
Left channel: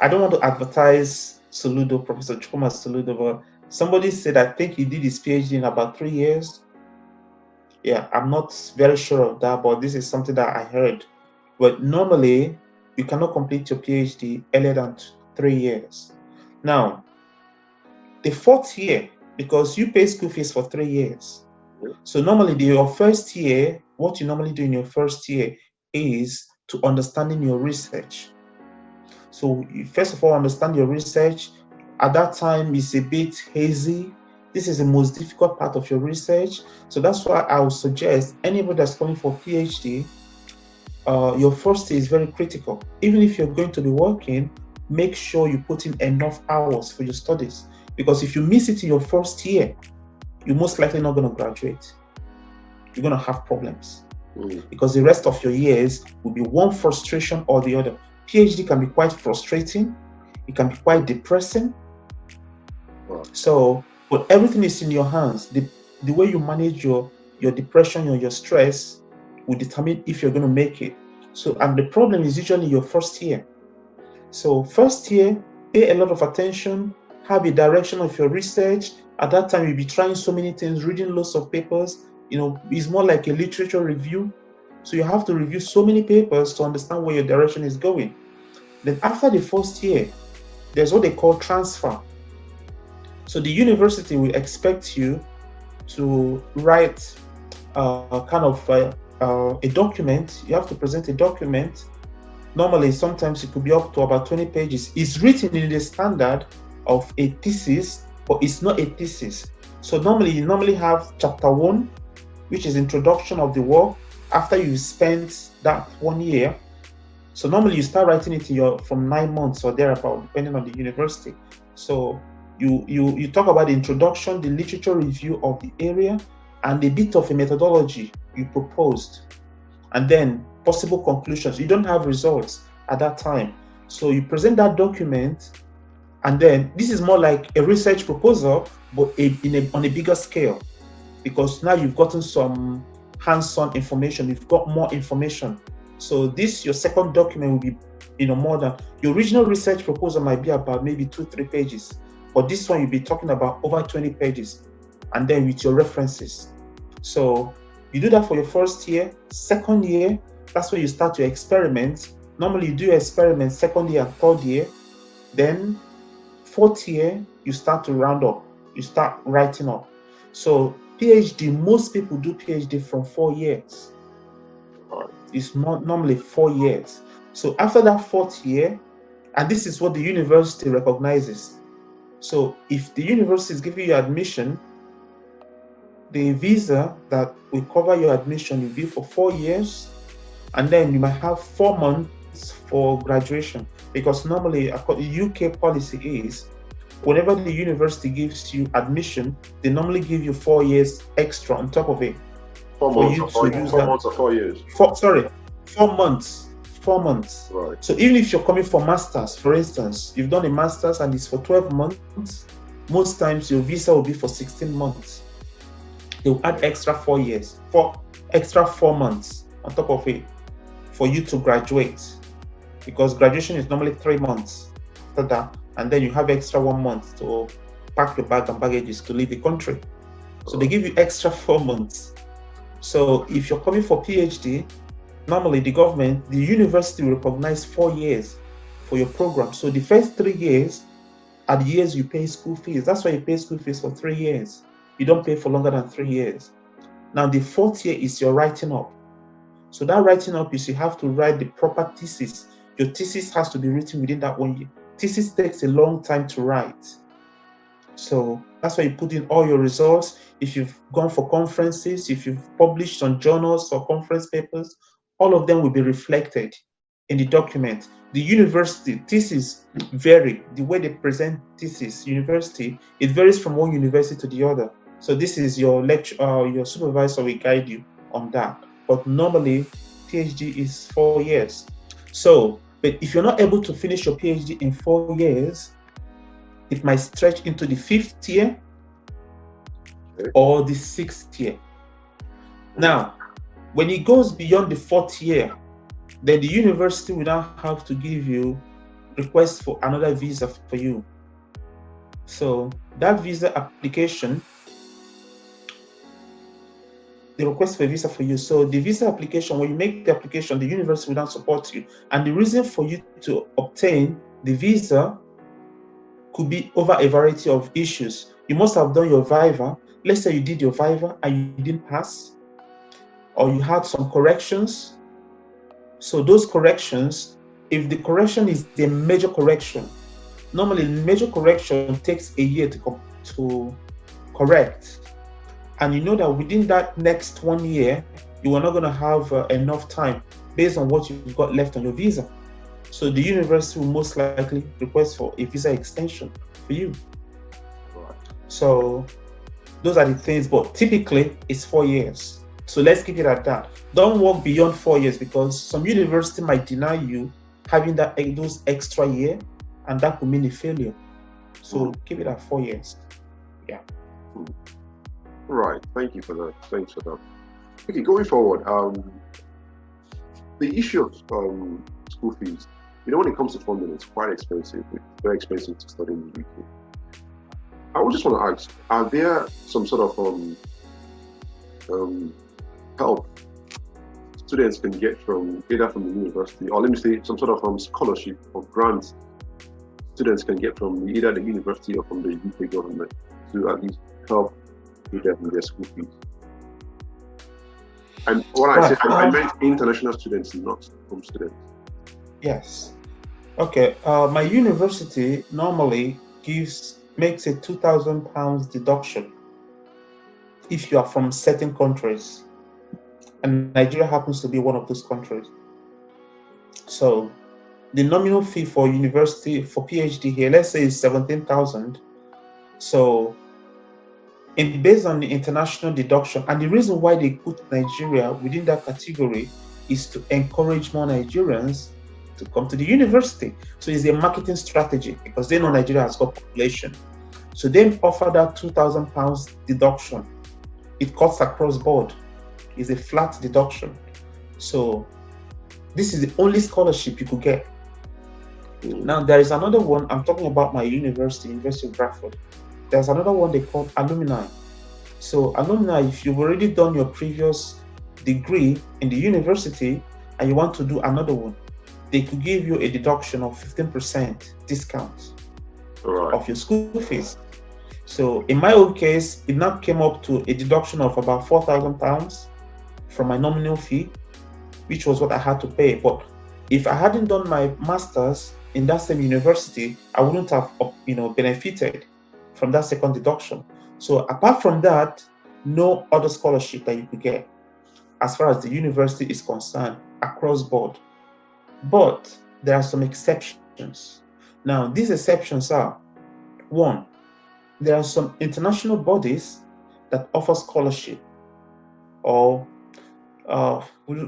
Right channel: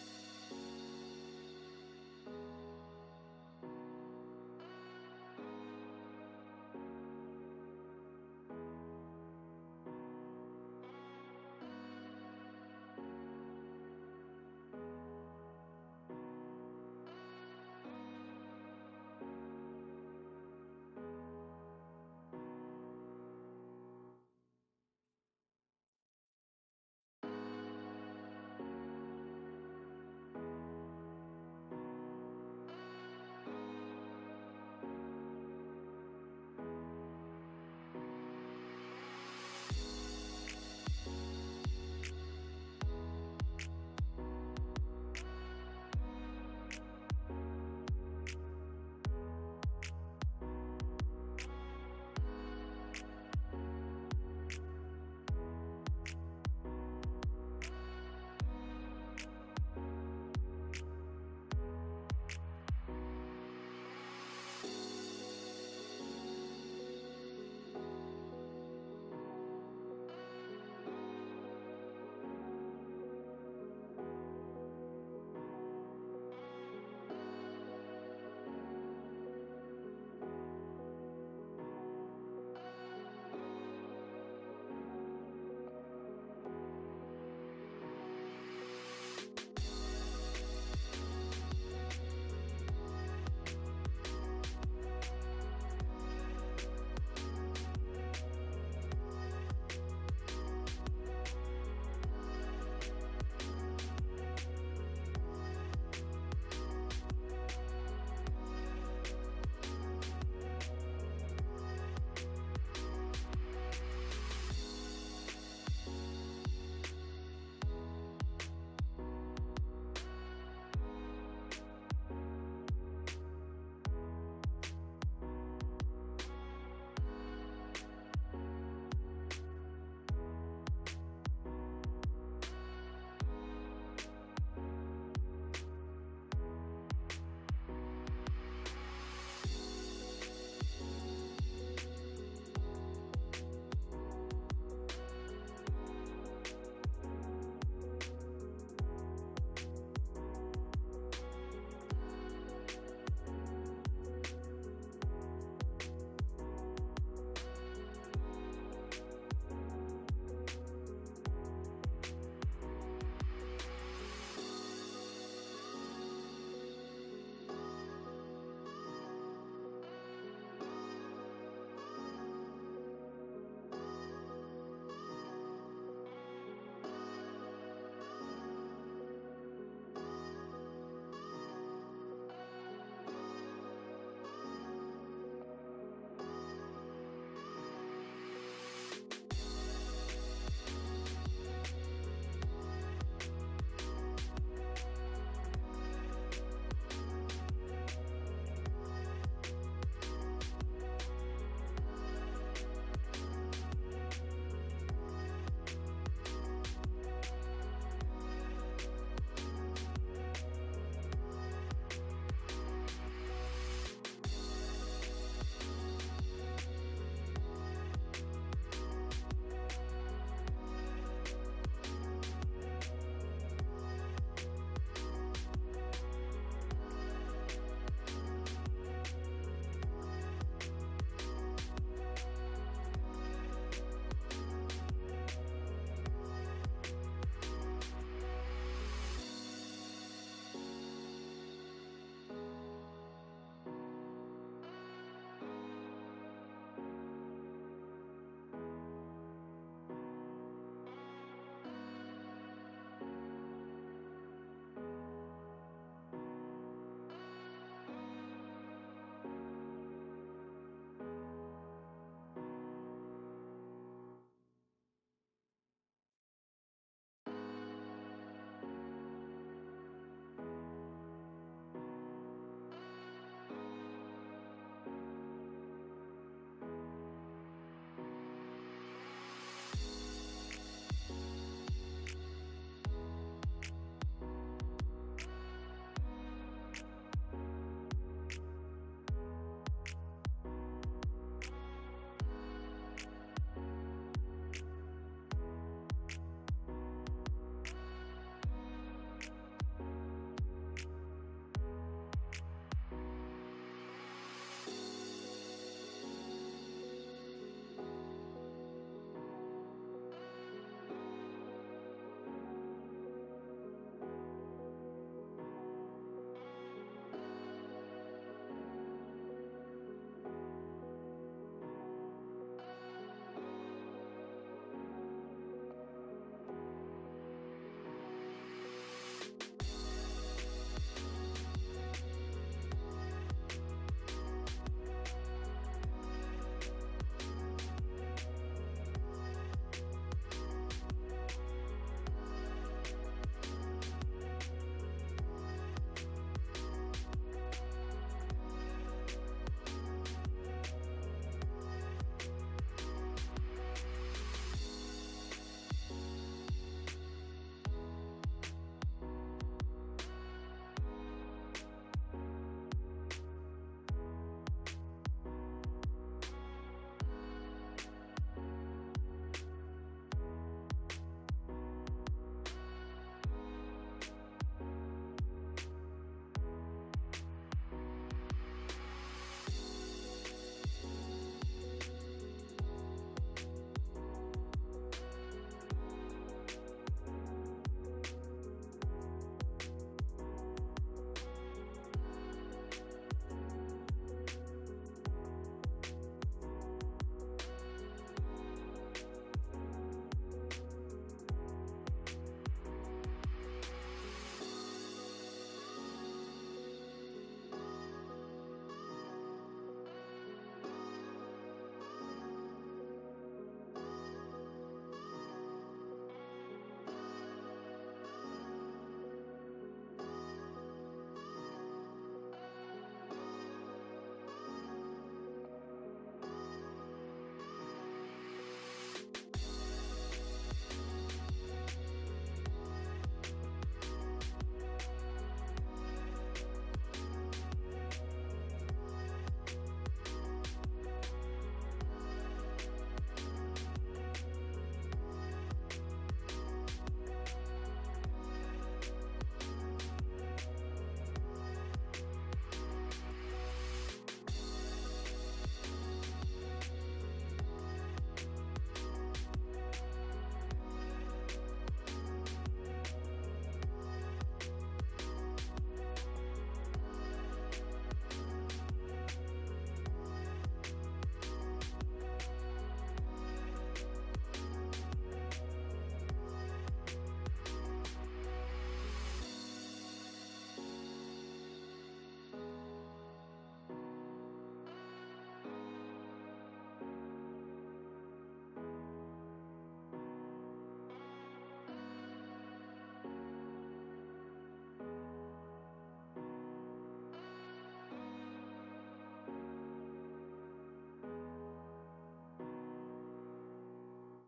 I don't want to advertise Soludo, Professor Chukwuma Soludo, but somebody said I think he did his PhD in about 3 years. Yeah, I'm not very sure of that, but this is something that I heard. But normally, you cannot complete your PhD earlier than 3 years. Now, the 4th year, because you pay school fees for 3 years. So normally your first year, what you normally do in your first year is to understanding your research. So you first of all understand your research. At that time, it's a bit hazy. This is the most difficult part of your research. So that's why I would suggest anybody that's going for PhD, your first year is very critical. Even if you're going to be working, make sure you put in enough hours for your studies. Because if you miss it in your first year, you're most likely not going to graduate. You're going to have problems. Because the rest of your years will be one frustration or the other. PhD can be quite frustrating. It can be quite depressing. So, but everything is in your hands. The way you manage your depression or your stress will determine if you're going to make it. So, and the problem is usually your first year. So first year, pay a lot of attention, have a direction of your research. At that time, you'll be trying so many things, reading lots of papers. It's more like a literature review. So you have to review so many papers to understand where your direction is going. Then after the first year, there's what they call transfer. So the university will expect you to write a document. You have to present a document. Normally, sometimes it could be up to about 20 pages. It's written in the standard of a thesis, but it's not a thesis. So you have chapter 1, which is introduction of the work. After you spent that 1 year, so normally you start writing it from 9 months or thereabout, depending on the university. So you talk about the introduction, the literature review of the area, and a bit of a methodology you proposed, and then possible conclusions. You don't have results at that time, so you present that document, and then this is more like a research proposal, but on a bigger scale, because now you've gotten some hands-on information, you've got more information. So your second document will be more than your original research proposal. Might be about maybe 2-3 pages, but this one you'll be talking about over 20 pages, and then with your references. So you do that for your first year. Second year, that's where you start to experiment. Normally you do experiments second year and third year. Then fourth year, you start to round up. You start writing up. So PhD, most people do PhD from 4 years. It's normally 4 years. So after that 4th year, and this is what the university recognizes. So if the university is giving you admission, the visa that will cover your admission will be for 4 years, and then you might have 4 months for graduation, because normally the UK policy is whenever the university gives you admission, they normally give you 4 years extra on top of it. 4 for months you or to 4, use 4 that. months or 4 years. 4 months. 4 months. Right. So even if you're coming for masters, for instance, you've done a masters and it's for 12 months, most times your visa will be for 16 months. They'll add extra 4 years, extra 4 months on top of it for you to graduate, because graduation is normally 3 months after that, and then you have extra 1 month to pack your bag and baggages to leave the country. So they give you extra 4 months. So if you're coming for PhD, normally the government, the university will recognize 4 years for your program. So the first 3 years are the years you pay school fees. That's why you pay school fees for 3 years. You don't pay for longer than 3 years. Now the 4th year is your writing up. So that writing up is you have to write the proper thesis. Your thesis has to be written within that 1 year. Thesis takes a long time to write. So that's why you put in all your results. If you've gone for conferences, if you've published on journals or conference papers, all of them will be reflected in the document. The university thesis vary. The way they present thesis, university, it varies from one university to the other. So this is your lecture, your supervisor will guide you on that. But normally, PhD is 4 years. So, but if you're not able to finish your PhD in 4 years, it might stretch into the 5th year or the 6th year. Now, when it goes beyond the 4th year, then the university will now have to give you request for another visa for you. So that visa application, the request for a visa for you. So the visa application, when you make the application, the university will now support you. And the reason for you to obtain the visa could be over a variety of issues. You must have done your Viva. Let's say you did your Viva and you didn't pass, or you had some corrections. So those corrections, if the correction is the major correction, normally major correction takes a year to correct. And you know that within that next 1 year, you are not going to have enough time based on what you've got left on your visa. So the university will most likely request for a visa extension for you. So those are the things, but typically it's 4 years. So let's keep it at that. Don't work beyond 4 years, because some university might deny you having those extra year, and that could mean a failure. So keep it at 4 years. Yeah. Right. Thank you for that. Thanks for that. Okay, going forward, the issue of school fees. When it comes to funding, it's quite expensive. It's very expensive to study in the UK. I would just want to ask: are there some sort of help students can get from either from the university, or let me say some sort of scholarship or grants students can get from either the university or from the UK government to at least help with their school fees? And what I meant international students, not home students. Yes. Okay. My university normally makes a £2,000 deduction if you are from certain countries, and Nigeria happens to be one of those countries. So the nominal fee for university for PhD here, let's say, is 17,000. So based on the international deduction, and the reason why they put Nigeria within that category is to encourage more Nigerians to come to the university. So it's a marketing strategy, because they know Nigeria has got population. So they offer that £2,000 deduction. It cuts across board. It's a flat deduction. So this is the only scholarship you could get. Now there is another one. I'm talking about my university, University of Bradford. There's another one they call alumni. So alumni, if you've already done your previous degree in the university and you want to do another one, they could give you a deduction of 15% discount of your school fees. So in my own case, it now came up to a deduction of about £4,000 from my nominal fee, which was what I had to pay. But if I hadn't done my master's in that same university, I wouldn't have benefited from that second deduction. So apart from that, no other scholarship that you could get as far as the university is concerned across board. But there are some exceptions. Now, these exceptions are, One, there are some international bodies that offer scholarship, or uh,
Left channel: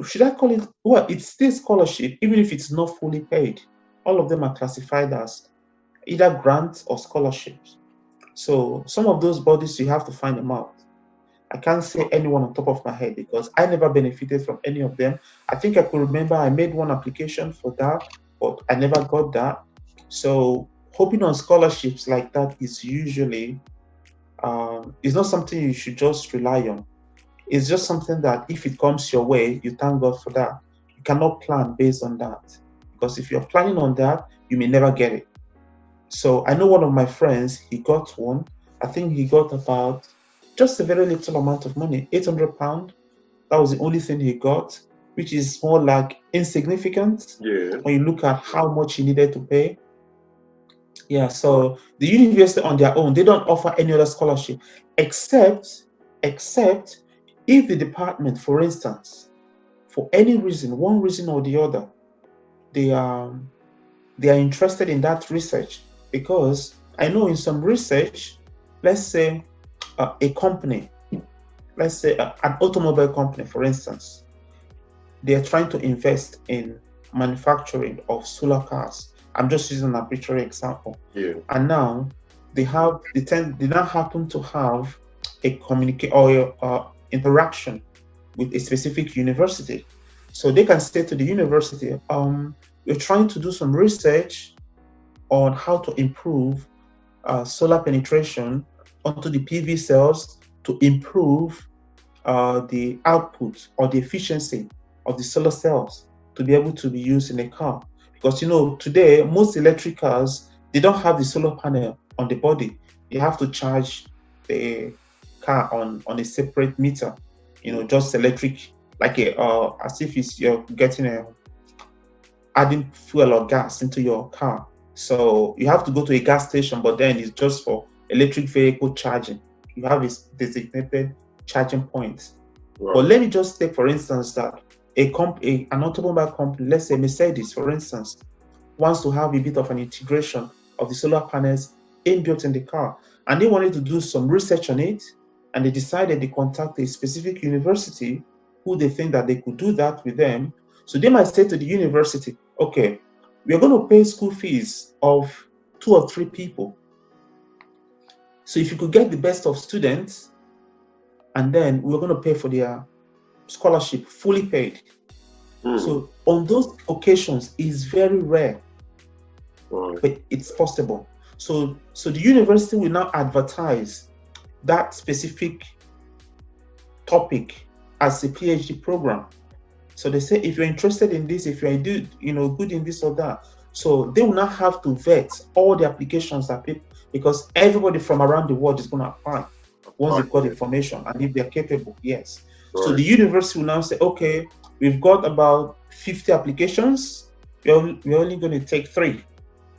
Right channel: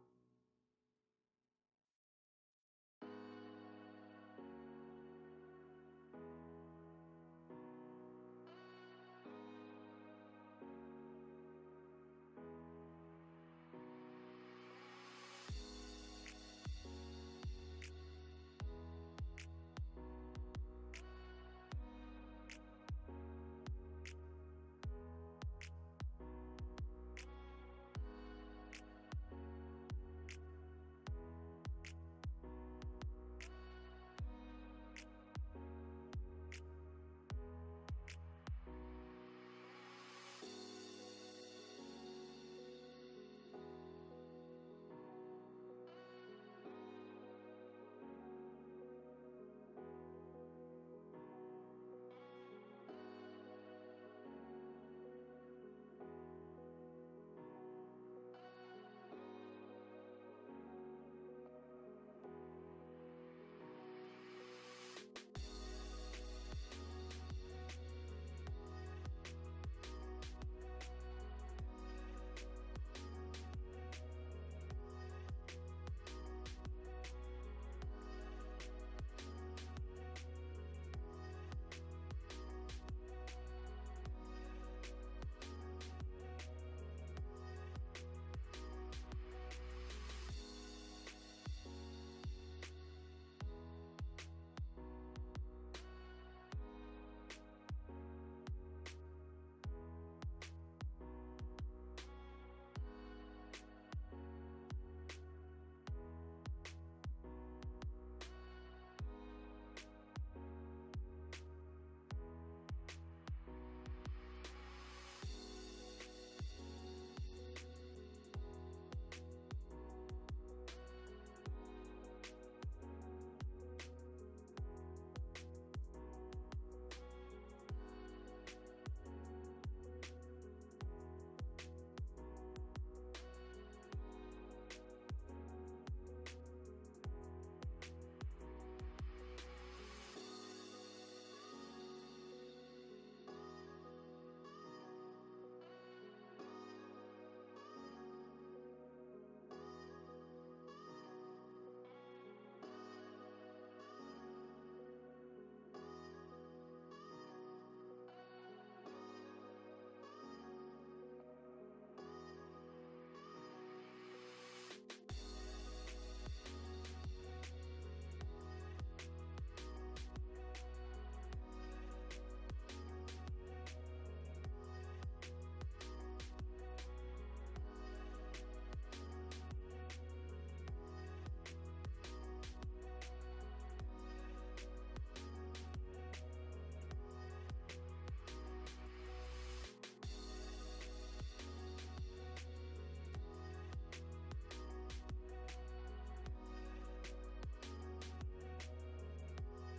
should I call it? Well, it's still scholarship, even if it's not fully paid. All of them are classified as either grants or scholarships. So some of those bodies, you have to find them out. I can't say anyone on top of my head because I never benefited from any of them. I think I could remember I made one application for that, but I never got that. So hoping on scholarships like that is usually is not something you should just rely on. It's just something that if it comes your way, you thank God for that. You cannot plan based on that, because if you're planning on that, you may never get it. So I know one of my friends, he got one. I think he got about just a very little amount of money, £800. That was the only thing he got, which is more like insignificant when you look at how much he needed to pay. Yeah, so the university on their own, they don't offer any other scholarship except if the department, for instance, for any reason, one reason or the other, they are interested in that research. Because I know in some research, let's say a company, let's say an automobile company, for instance, they are trying to invest in manufacturing of solar cars. I'm just using an arbitrary example. Yeah. And now they now happen to have a communicate or interaction with a specific university. So they can say to the university, we're trying to do some research on how to improve solar penetration onto the PV cells to improve the output or the efficiency of the solar cells to be able to be used in a car. Because today most electric cars, they don't have the solar panel on the body. You have to charge the car on a separate meter. Just electric, like as if you're getting adding fuel or gas into your car. So you have to go to a gas station, but then it's just for electric vehicle charging. You have a designated charging point. Right. But let me just take, for instance, that an automobile company, let's say Mercedes, for instance, wants to have a bit of an integration of the solar panels inbuilt in the car. And they wanted to do some research on it, and they decided they contact a specific university who they think that they could do that with them. So they might say to the university, okay, we are going to pay school fees of 2 or 3 people. So if you could get the best of students, and then we're going to pay for their scholarship fully paid. So on those occasions, it's very rare, but it's possible. So the university will now advertise that specific topic as a PhD program. So they say, if you're interested in this, if you're good in this or that, so they will not have to vet all the applications that people, because everybody from around the world is going to apply once they've got information, and if they're capable, yes. Right. So the university will now say, okay, we've got about 50 applications. We're only going to take 3.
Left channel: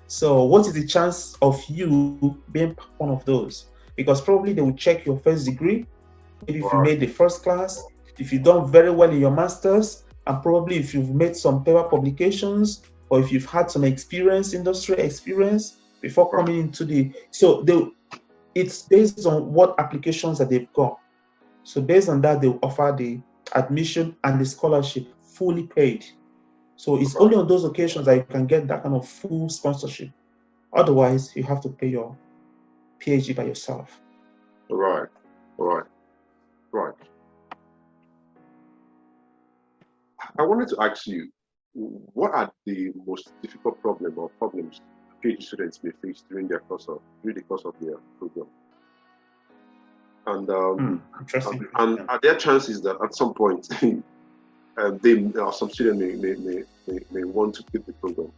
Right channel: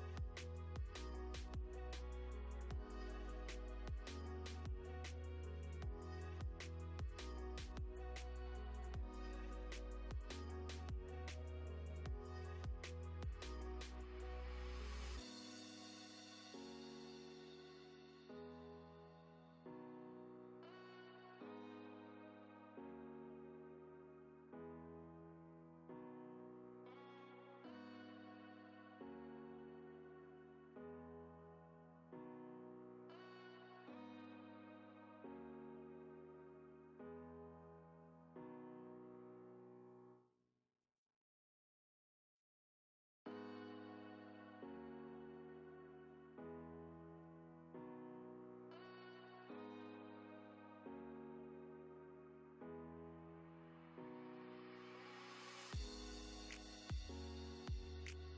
So what is the chance of you being one of those? Because probably they will check your first degree, maybe if you made the first class, if you've done very well in your master's, and probably if you've made some paper publications, or if you've had some industry experience before coming into it's based on what applications that they've got. So based on that, they'll offer the admission and the scholarship fully paid. So it's only on those occasions that you can get that kind of full sponsorship. Otherwise, you have to pay your PhD by yourself. Right. I wanted to ask you, what are the most difficult problems PhD students may face during the course of their program? And interesting. And are there chances that at some point some students may want to quit the program?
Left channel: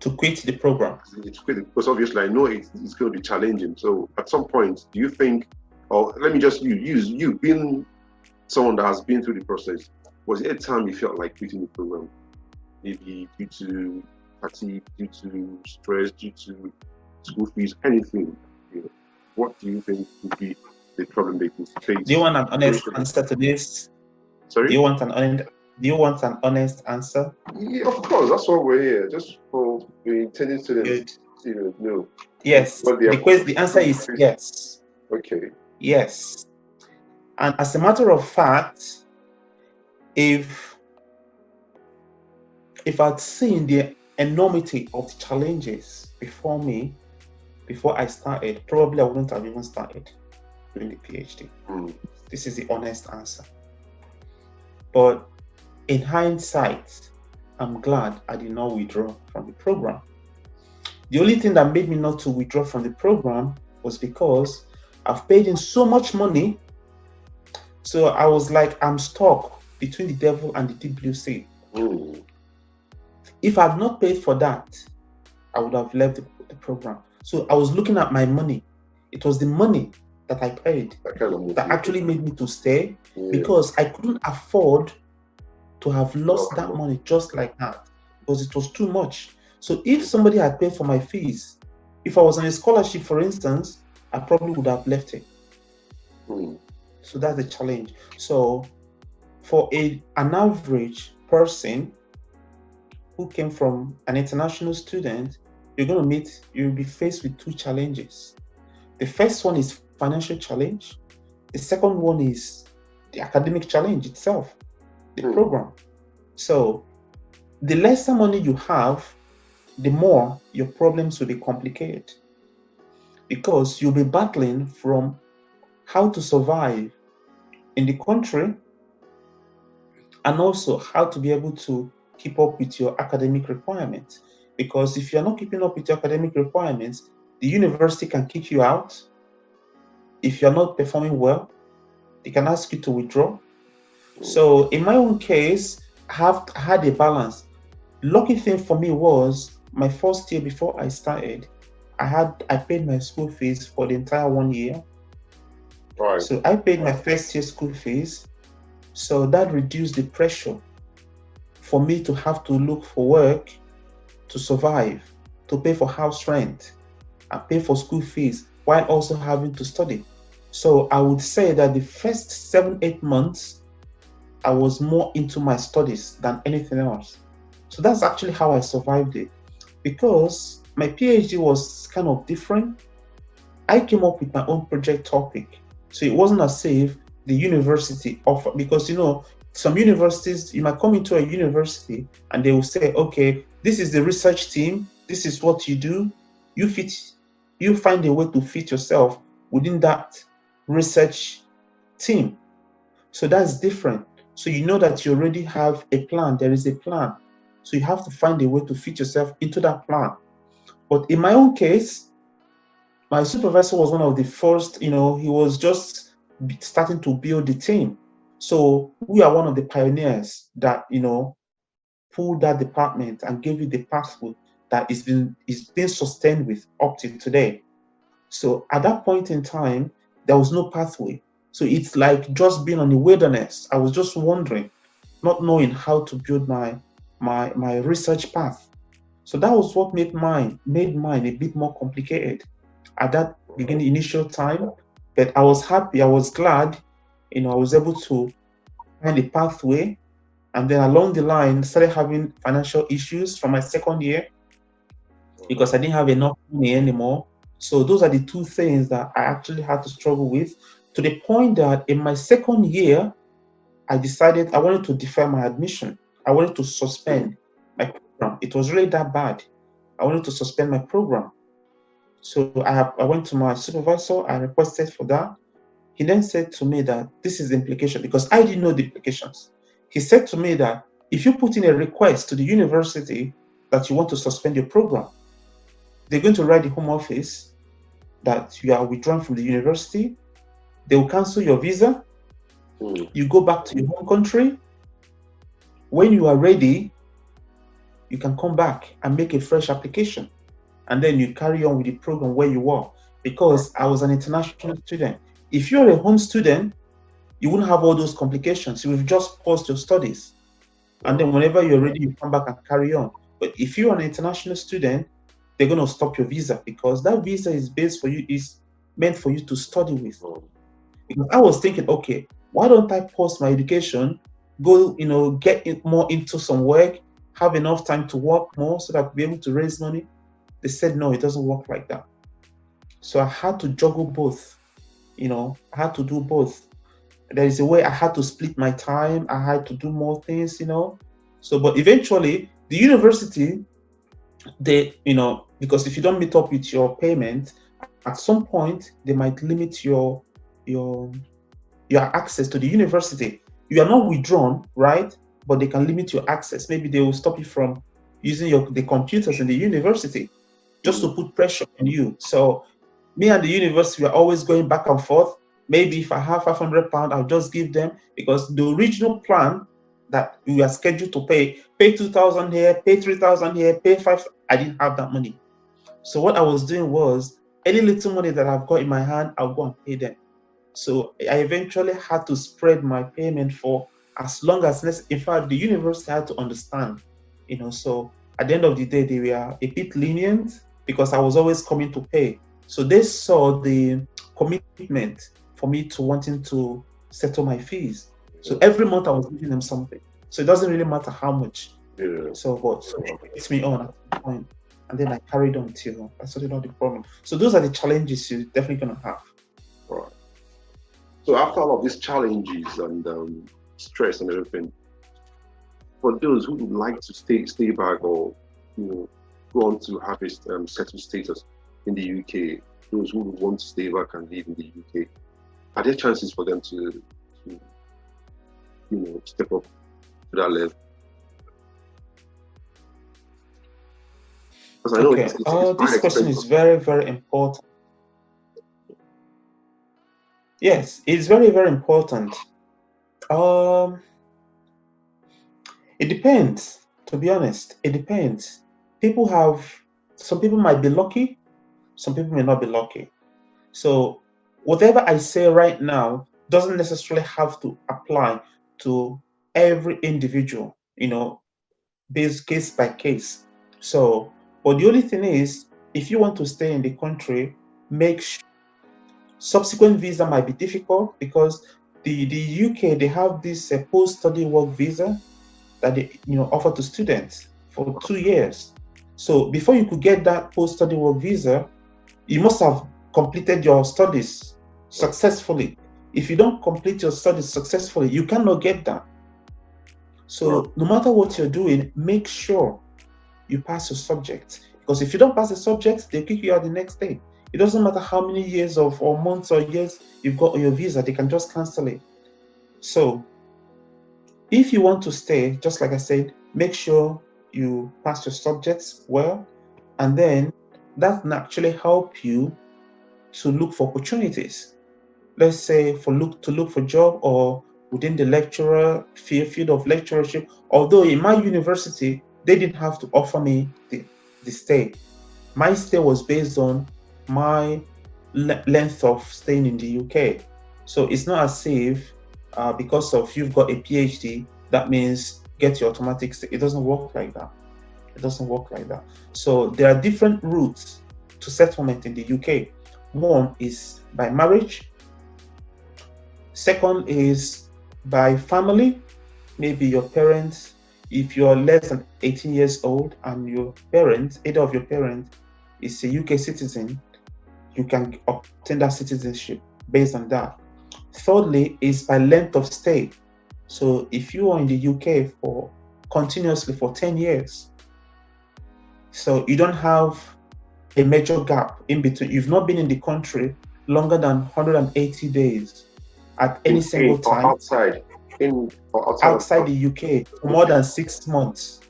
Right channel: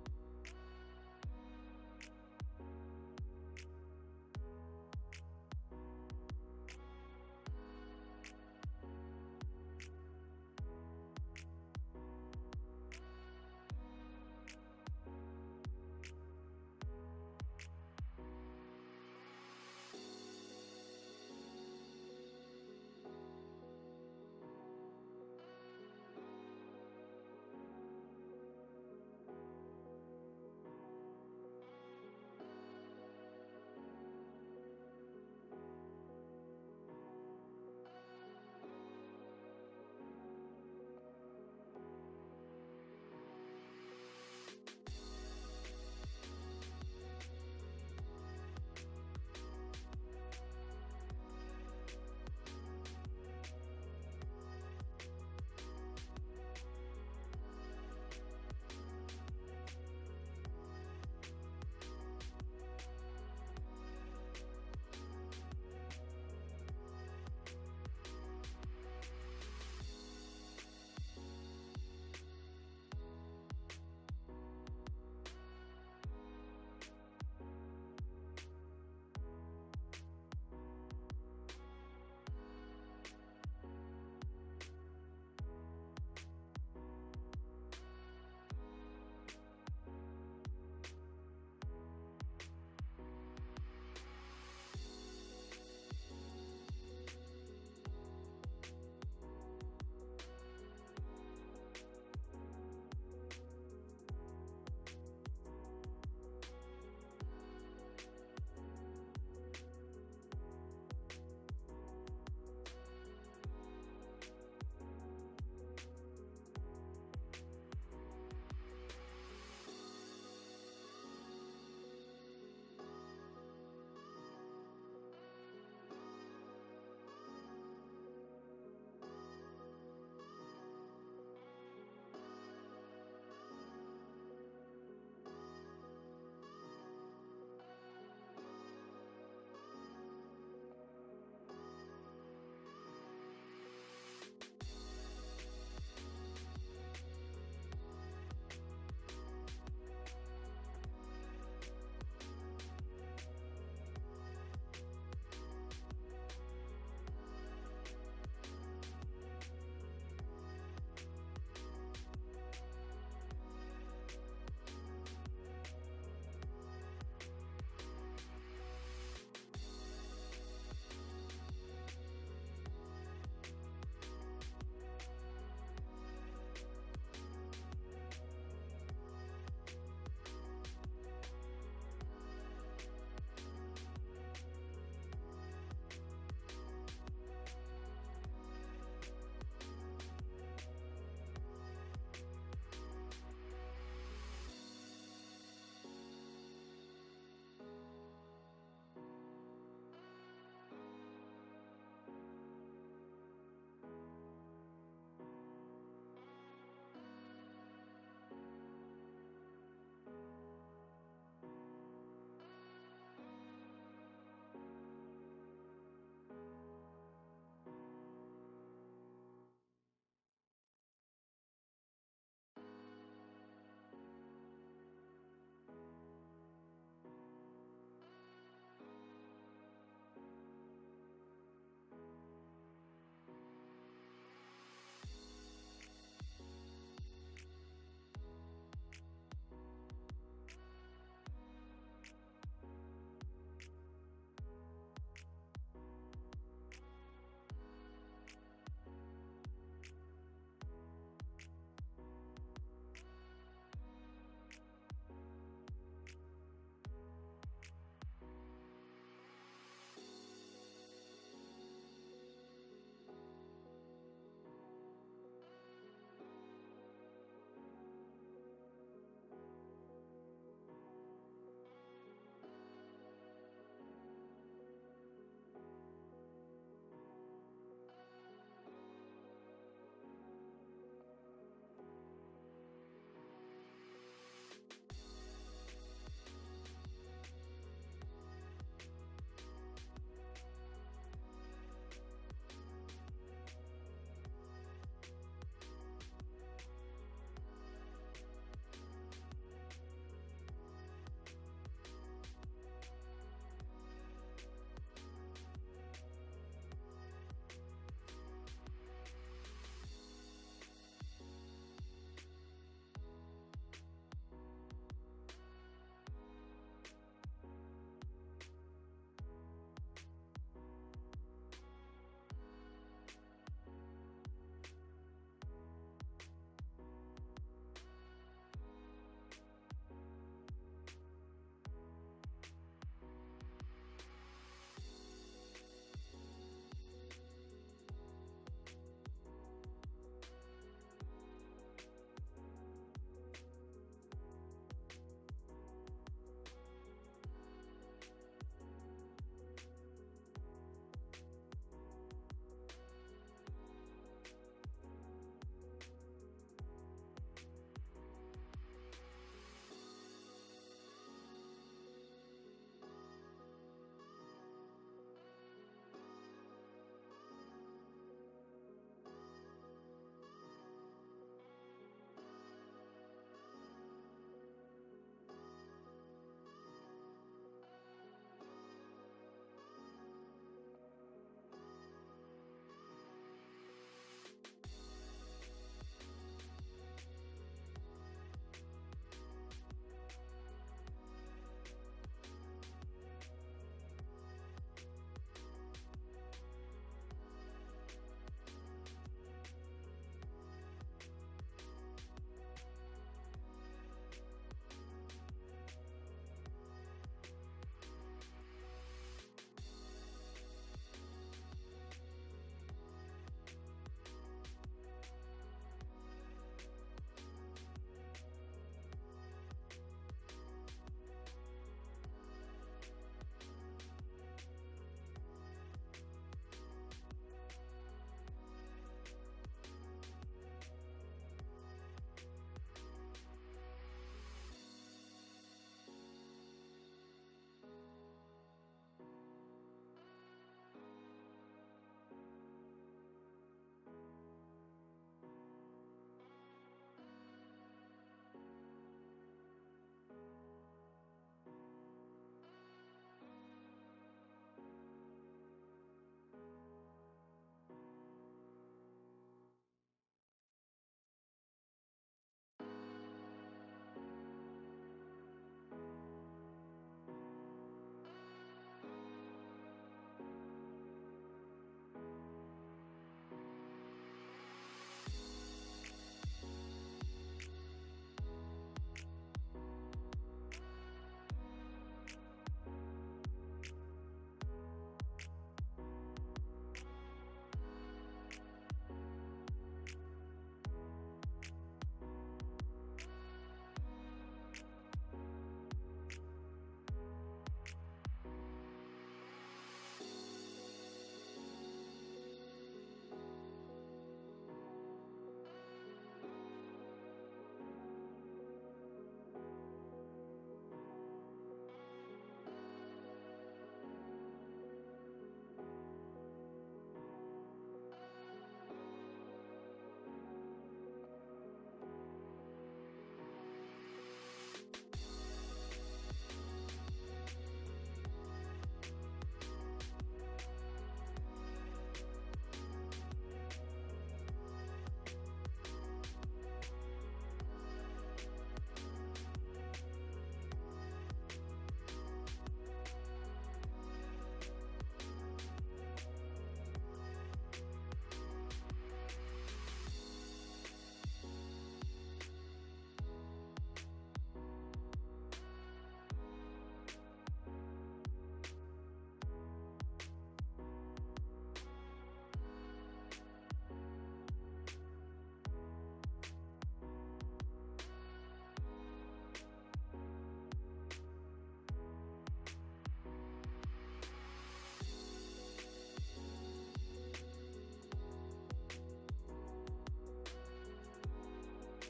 To quit the program? Because obviously I know it's going to be challenging. So at some point, do you think, or let me just use you being someone that has been through the process, was there a time you felt like quitting the program? Maybe due to fatigue, due to stress, due to school fees, anything? What do you think would be the problem they could face? Do you want an honest answer to this? Sorry? Do you want an honest answer? Yeah, of course. That's why we're here. Just for the intended students. Good. student? No. Yes. What The answer is yes. Okay. Yes. And as a matter of fact, if I'd seen the enormity of the challenges before me, before I started, probably I wouldn't have even started doing the PhD. This is the honest answer. But in hindsight, I'm glad I did not withdraw from the program. The only thing that made me not to withdraw from the program was because I've paid in so much money. So I was like, I'm stuck between the devil and the deep blue sea. If I had not paid for that, I would have left the program. So I was looking at my money. It was the money that I paid that actually made me to stay, because I couldn't afford to have lost that money just like that, because it was too much. So if somebody had paid for my fees, if I was on a scholarship, for instance, I probably would have left it. So that's the challenge. So for an average person who came from an international student, you'll be faced with two challenges. The first one is financial challenge. The second one is the academic challenge itself, the program. So the lesser money you have, the more your problems will be complicated, because you'll be battling from how to survive in the country, and also how to be able to keep up with your academic requirements. Because if you're not keeping up with your academic requirements, the university can kick you out. If you're not performing well, they can ask you to withdraw. So in my own case, I have had a balance. Lucky thing for me was my first year before I started, I paid my school fees for the entire 1 year. Right. So I paid my first year school fees. So that reduced the pressure for me to have to look for work to survive, to pay for house rent, and pay for school fees while also having to study. So I would say that the first 7-8 months, I was more into my studies than anything else. So that's actually how I survived it. Because my PhD was kind of different, I came up with my own project topic. So it wasn't as if the university offered, because some universities, you might come into a university and they will say, okay, this is the research team, this is what you do, you find a way to fit yourself within that research team. So that's different. So you know that you already have a plan, there is a plan. So you have to find a way to fit yourself into that plan. But in my own case, my supervisor was one of the first, he was just starting to build the team. So we are one of the pioneers that, pulled that department and gave it the pathway that is being sustained with up to today. So at that point in time, there was no pathway. So it's like just being on the wilderness. I was just wandering, not knowing how to build my research path. So that was what made mine a bit more complicated at that initial time. But I was happy, I was glad, I was able to find a pathway. And then along the line, started having financial issues from my second year because I didn't have enough money anymore. So those are the two things that I actually had to struggle with, to the point that in my second year, I decided I wanted to defer my admission. I wanted to suspend my program. It was really that bad. I wanted to suspend my program. So I went to my supervisor, I requested for that. He then said to me that this is the implication, because I didn't know the implications. He said to me that if you put in a request to the university that you want to suspend your program, they're going to write the Home Office that you are withdrawn from the university. They will cancel your visa. You go back to your home country. When you are ready, you can come back and make a fresh application. And then you carry on with the program where you were. Because I was an international student. If you're a home student, you wouldn't have all those complications. You would just pause your studies. And then whenever you're ready, you come back and carry on. But if you're an international student, they're going to stop your visa, because that visa is meant for you to study with. Because I was thinking, okay, why don't I pause my education, go, get more into some work, have enough time to work more so that I'll be able to raise money. They said, no, it doesn't work like that. So I had to juggle both. I had to do both. There is a way I had to split my time. I had to do more things. So, but eventually, the university, because if you don't meet up with your payment, at some point they might limit your access to the university. You are not withdrawn, right? But they can limit your access. Maybe they will stop you from using the computers in the university, just to put pressure on you. So me and the university were always going back and forth. Maybe if I have £500, I'll just give them, because the original plan that we were scheduled to pay 2,000 here, pay 3,000 here, pay 5,000. I didn't have that money. So what I was doing was, any little money that I've got in my hand, I'll go and pay them. So I eventually had to spread my payment for as long as necessary. In fact, the university had to understand, so at the end of the day, they were a bit lenient because I was always coming to pay. So they saw the commitment for me to wanting to settle my fees. So every month I was giving them something. So it doesn't really matter how much. Yeah. So it gets me on at that point. And then I carried on till I sorted out the problem. So those are the challenges you're definitely going to have. All right. So after all of these challenges and stress and everything, for those who would like to stay back or go on to have a settled status in the UK, those who would want to stay back and live in the UK, are there chances for them to step up to that level? Because I know this question is very, very important. Yes, it's very, very important. It depends, to be honest. It depends. Some people might be lucky, some people may not be lucky. So whatever I say right now doesn't necessarily have to apply to every individual, based case by case. So, but the only thing is, if you want to stay in the country, make sure subsequent visa might be difficult, because the UK, they have this post-study work visa that they offer to students for 2 years. So before you could get that post-study work visa, you must have completed your studies successfully. If you don't complete your studies successfully, you cannot get that. So no matter what you're doing, make sure you pass your subjects, because if you don't pass the subjects, they kick you out the next day. It doesn't matter how many years or months or years you've got on your visa, they can just cancel it. So if you want to stay, just like I said, make sure you pass your subjects well, and then that can actually help you to look for opportunities. Let's say to look for job, or within the lecturer field of lecturership. Although in my university, they didn't have to offer me the stay. My stay was based on my length of staying in the UK. So it's not as if because of you've got a PhD, that means get your automatic stay. It doesn't work like that. It doesn't work like that. So there are different routes to settlement in the UK. One is by marriage. Second is by family. Maybe your parents, if you're less than 18 years old and your parents, either of your parents is a UK citizen, you can obtain that citizenship based on that. Thirdly is by length of stay. So if you are in the UK continuously for 10 years, so you don't have a major gap in between, you've not been in the country longer than 180 days at any single time. Outside the UK for more than 6 months.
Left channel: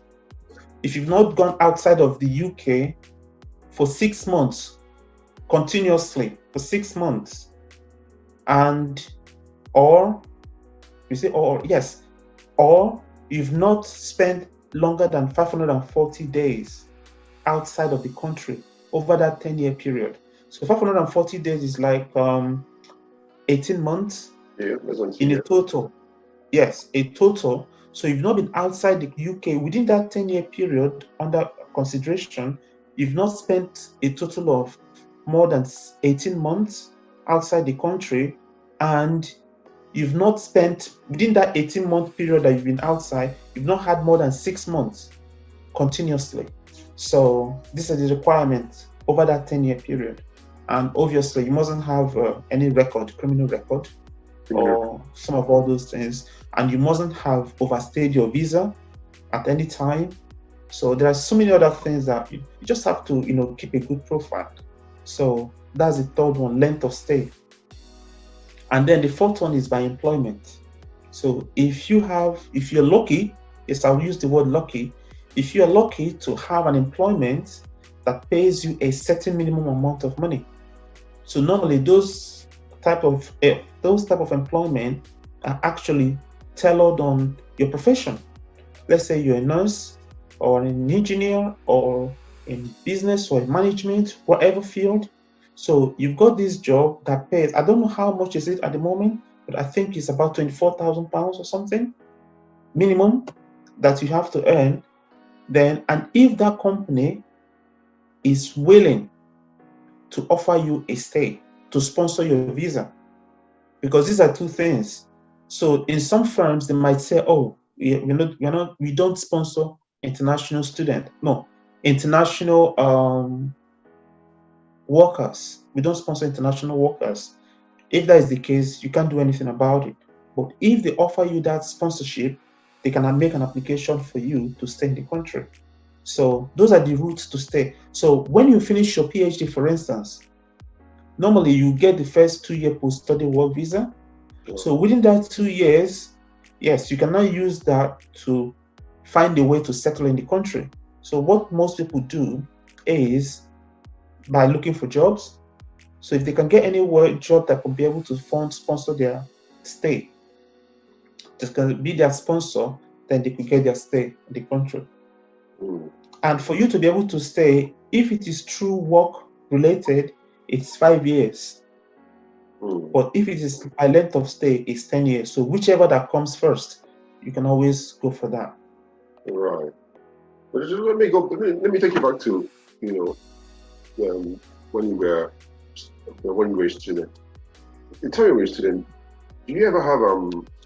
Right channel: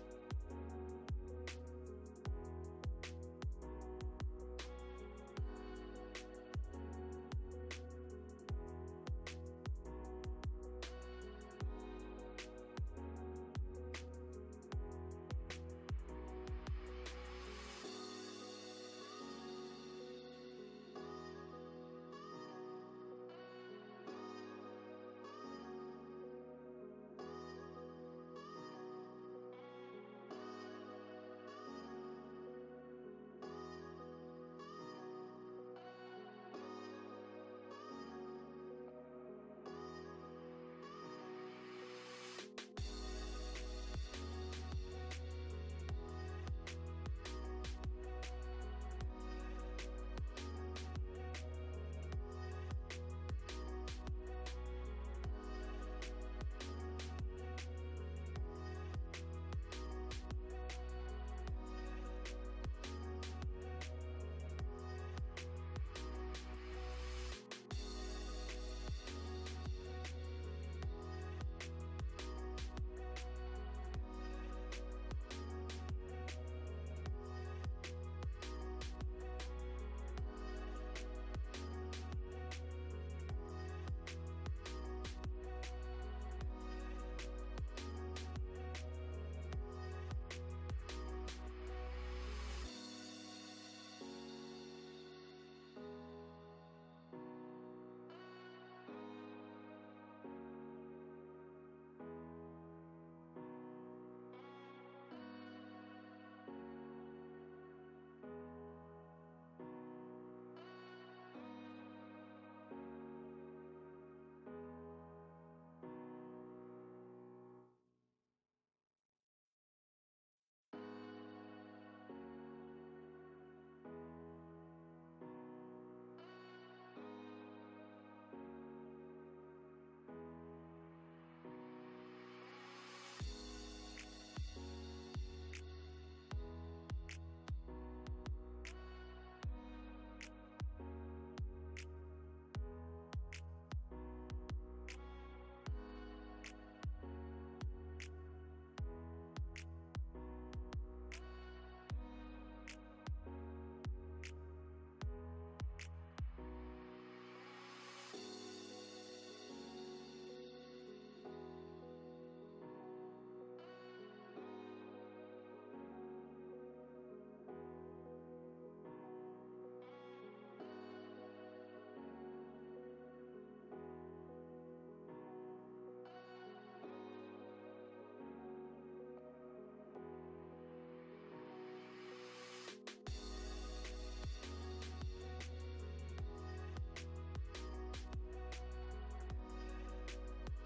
If you've not gone outside of the UK for 6 months, continuously for 6 months, or you've not spent longer than 540 days outside of the country over that 10-year period. So 540 days is like 18 months in a total. Yes, a total. So you've not been outside the UK within that 10-year period under consideration. You've not spent a total of more than 18 months outside the country, and you've not spent within that 18-month period that you've been outside, you've not had more than 6 months continuously. So these are the requirements over that 10-year period. And obviously, you mustn't have any record, criminal record, or some of all those things. And you mustn't have overstayed your visa at any time. So there are so many other things that you just have to, keep a good profile. So that's the third one, length of stay. And then the fourth one is by employment. So if you're lucky, yes, I'll use the word lucky. If you're lucky to have an employment that pays you a certain minimum amount of money. So normally those type of employment are actually tailored on your profession. Let's say you're a nurse or an engineer or in business or in management, whatever field. So you've got this job that pays, I don't know how much is it at the moment, but I think it's about £24,000 or something minimum that you have to earn. Then, and if that company is willing to offer you a stay, to sponsor your visa, because these are two things. So in some firms, they might say, oh, we don't sponsor international students. No, international workers. We don't sponsor international workers. If that is the case, you can't do anything about it. But if they offer you that sponsorship, they can make an application for you to stay in the country. So those are the routes to stay. So when you finish your PhD, for instance, normally you get the first 2-year post-study work visa. So within that 2 years, yes, you can now use that to find a way to settle in the country. So what most people do is by looking for jobs. So if they can get any job that could be able to sponsor their stay, just can be their sponsor, then they could get their stay in the country. And for you to be able to stay, if it is true work related, it's 5 years. But if it is a length of stay, it's 10 years. So whichever that comes first, you can always go for that. Right. But just let me take you back to, when you were a student. In time you were a student, do you ever have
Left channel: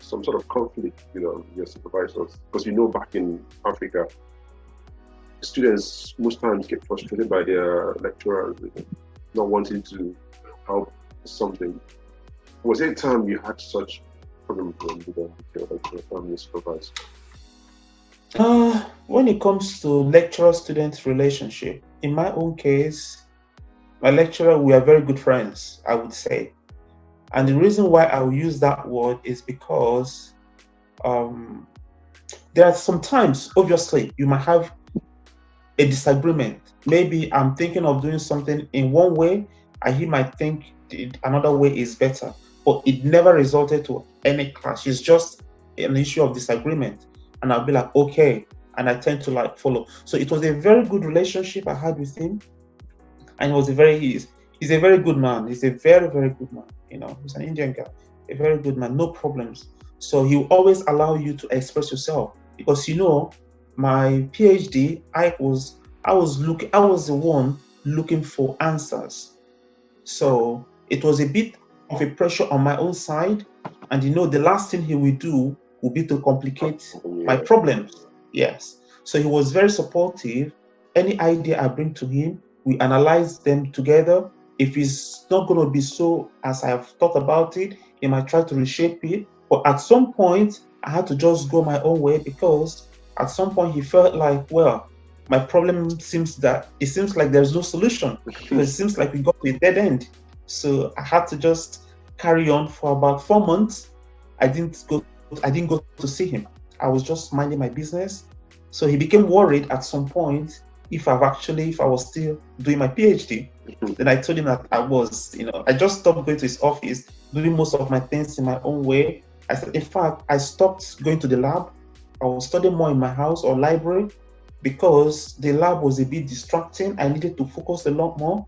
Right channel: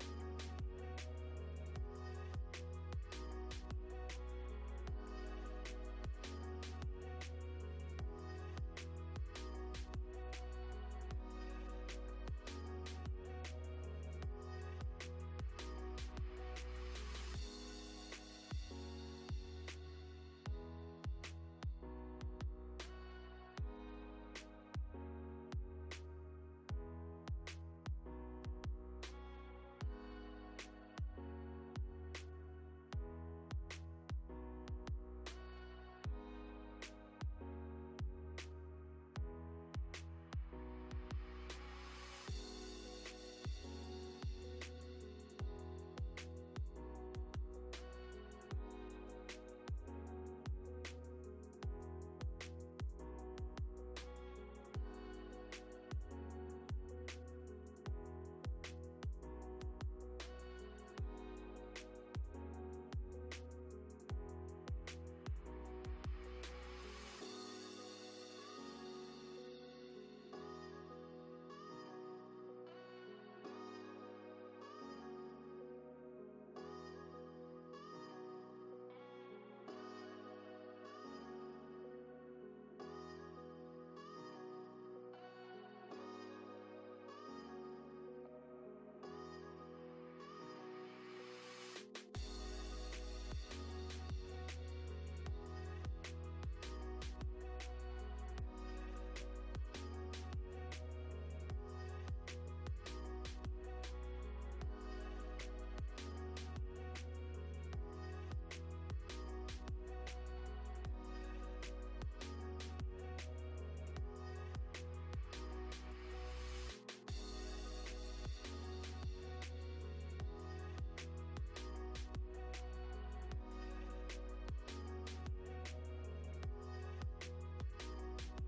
some sort of conflict, with your supervisors? Because back in Africa, students most times get frustrated by their lecturers not wanting to help something. Was there a time you had such problems with your family supervisor? When it comes to lecturer-student relationship, in my own case, my lecturer, we are very good friends, I would say. And the reason why I will use that word is because there are sometimes, obviously, you might have a disagreement. Maybe I'm thinking of doing something in one way, and he might think another way is better. But it never resulted to any clash. It's just an issue of disagreement. And I'll be like, okay. And I tend to follow. So it was a very good relationship I had with him. And he's a very good man. He's a very, very good man. He's an Indian guy, a very good man, no problems. So he will always allow you to express yourself. Because my PhD, I was the one looking for answers. So it was a bit of a pressure on my own side. And the last thing he will do will be to complicate my problems. Yes. So he was very supportive. Any idea I bring to him, we analyze them together. If it's not going to be so as I have thought about it, he might try to reshape it. But at some point, I had to just go my own way, because at some point he felt like, well, my problem seems like there's no solution. Because it seems like we got to a dead end. So I had to just carry on for about 4 months. I didn't go to see him. I was just minding my business. So he became worried at some point if I was still doing my PhD. Then I told him that I just stopped going to his office, doing most of my things in my own way. I said, in fact, I stopped going to the lab. I was studying more in my house or library, because the lab was a bit distracting. I needed to focus a lot more.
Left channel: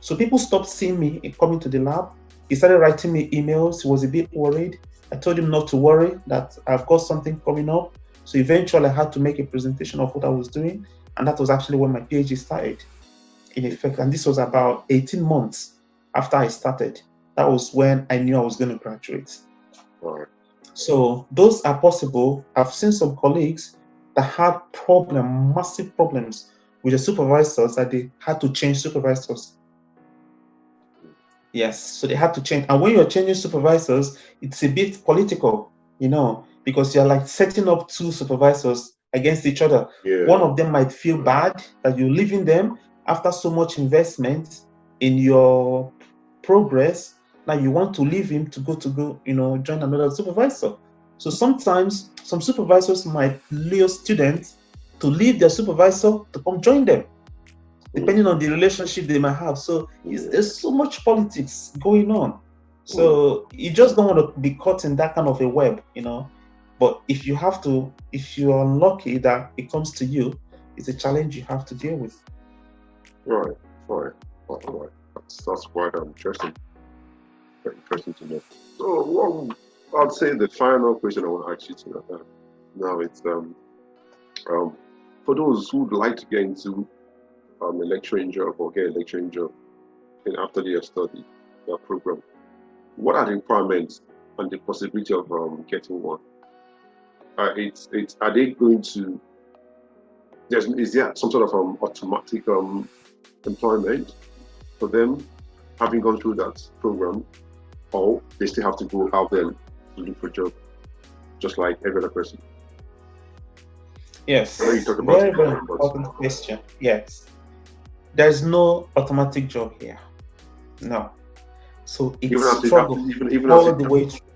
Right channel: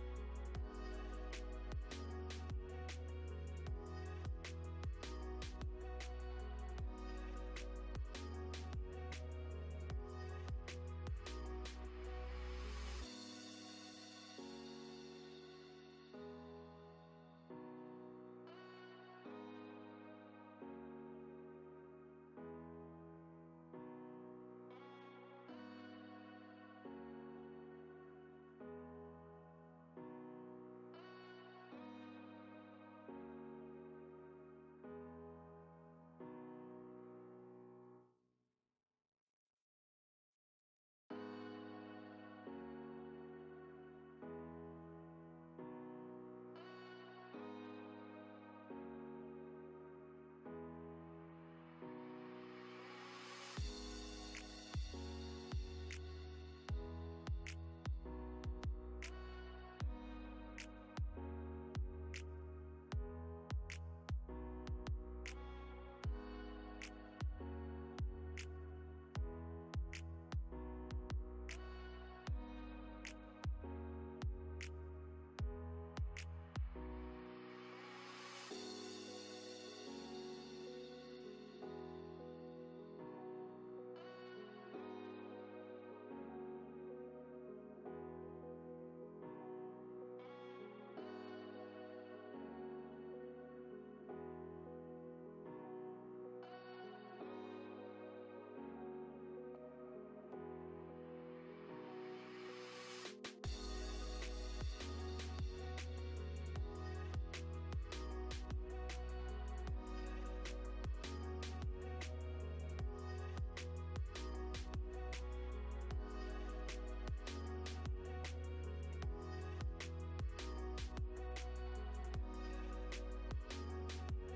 So people stopped seeing me coming to the lab. He started writing me emails. He was a bit worried. I told him not to worry, that I've got something coming up. So eventually I had to make a presentation of what I was doing. And that was actually when my PhD started, in effect. And this was about 18 months after I started. That was when I knew I was going to graduate. Right. So those are possible. I've seen some colleagues that had massive problems with the supervisors that they had to change supervisors. Yes, so they had to change. And when you're changing supervisors, it's a bit political, because you're like setting up two supervisors against each other. Yeah. One of them might feel bad that you're leaving them after so much investment in your progress. Now you want to leave him to go, join another supervisor. So sometimes some supervisors might lure students to leave their supervisor to come join them, depending on the relationship they might have. So there's so much politics going on. So you just don't want to be caught in that kind of a web, But if you're unlucky that it comes to you, it's a challenge you have to deal with. Right. That's quite interesting. Very interesting to know. So, I'd say the final question I want to ask you tonight. Now it's for those who would like to get into a lecturing job or get a lecturing job, and after they have studied that program, what are the requirements and the possibility of getting one? Are they going to? Is there some sort of automatic employment for them having gone through that program, or they still have to go out there to look for a job, just like every other person? Yes, very, very important question. Yes, there's no automatic job here. No. So it's struggle all the way through.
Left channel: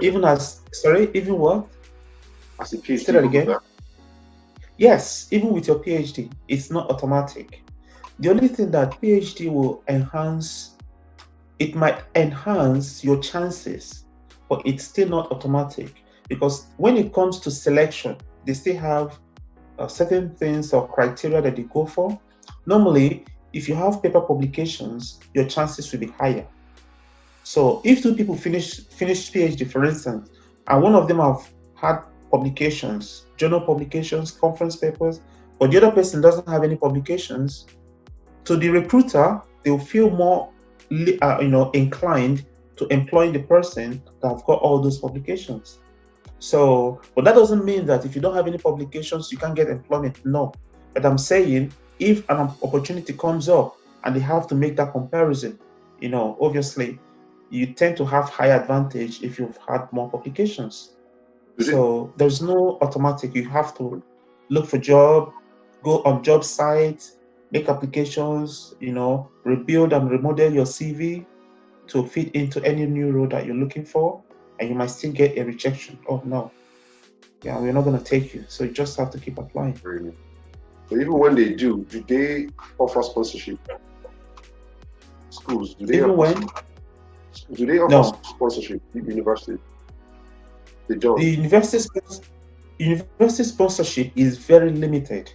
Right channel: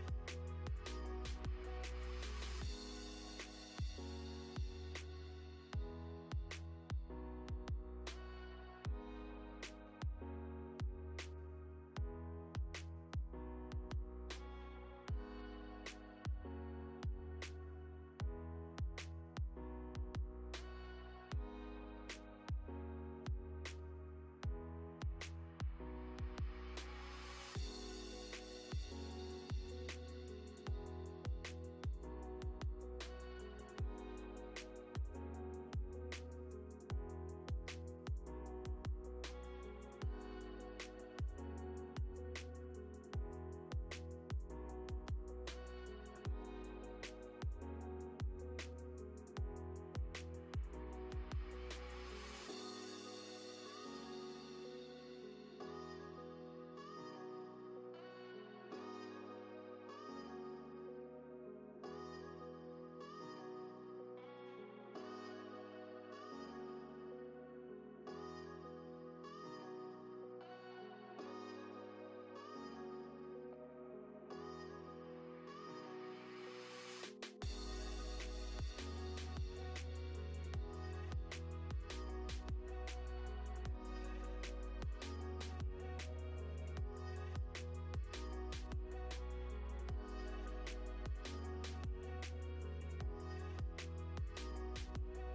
Even what? As a PhD. Say that again. Yes, even with your PhD, it's not automatic. The only thing that PhD will enhance, it might enhance your chances, but it's still not automatic, because when it comes to selection, they still have certain things or criteria that they go for. Normally, if you have paper publications, your chances will be higher. So if two people finish PhD, for instance, and one of them have had publications, journal publications, conference papers, but the other person doesn't have any publications, to the recruiter, they'll feel more inclined to employ the person that have got all those publications. So, but that doesn't mean that if you don't have any publications, you can't get employment. No. But I'm saying, if an opportunity comes up and they have to make that comparison, obviously, you tend to have higher advantage if you've had more publications. So there's no automatic. You have to look for job, go on job sites, make applications, rebuild and remodel your CV to fit into any new role that you're looking for, and you might still get a rejection. Oh no, yeah, we're not going to take you. So you just have to keep applying. Really? So even when they do they offer sponsorship? Schools, do they offer sponsorship? University? They don't. The university sponsorship is very limited.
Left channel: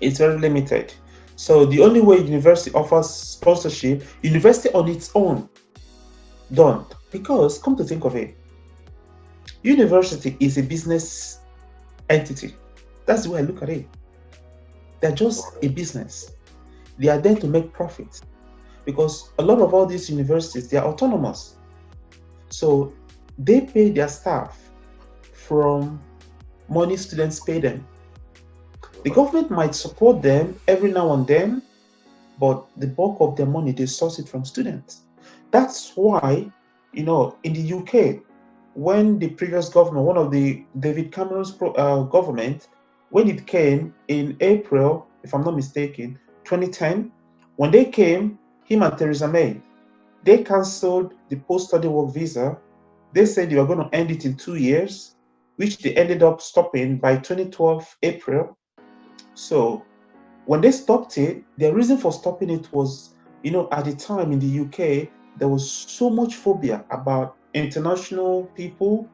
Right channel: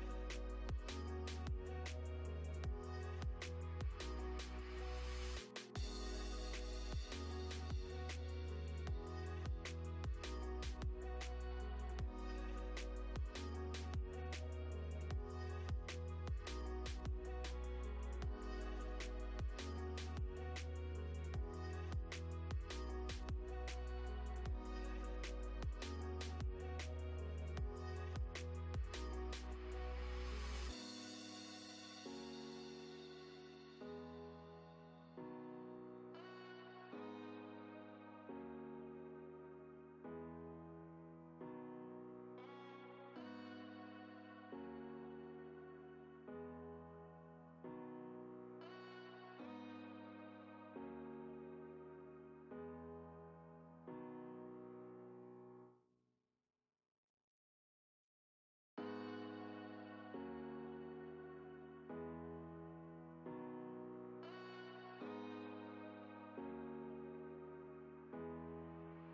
It's very limited. So the only way university offers sponsorship, university on its own, don't. Because come to think of it, university is a business entity. That's the way I look at it. They're just a business. They are there to make profit. Because a lot of all these universities, they are autonomous. So they pay their staff from money students pay them. The government might support them every now and then, but the bulk of their money, they source it from students. That's why, in the UK, when the previous governor, one of the David Cameron's government, when it came in April, if I'm not mistaken, 2010, when they came, him and Theresa May, they cancelled the post-study work visa. They said they were going to end it in 2 years, which they ended up stopping by 2012 April. So when they stopped it, their reason for stopping it was, at the time in the UK, there was so much phobia about international people.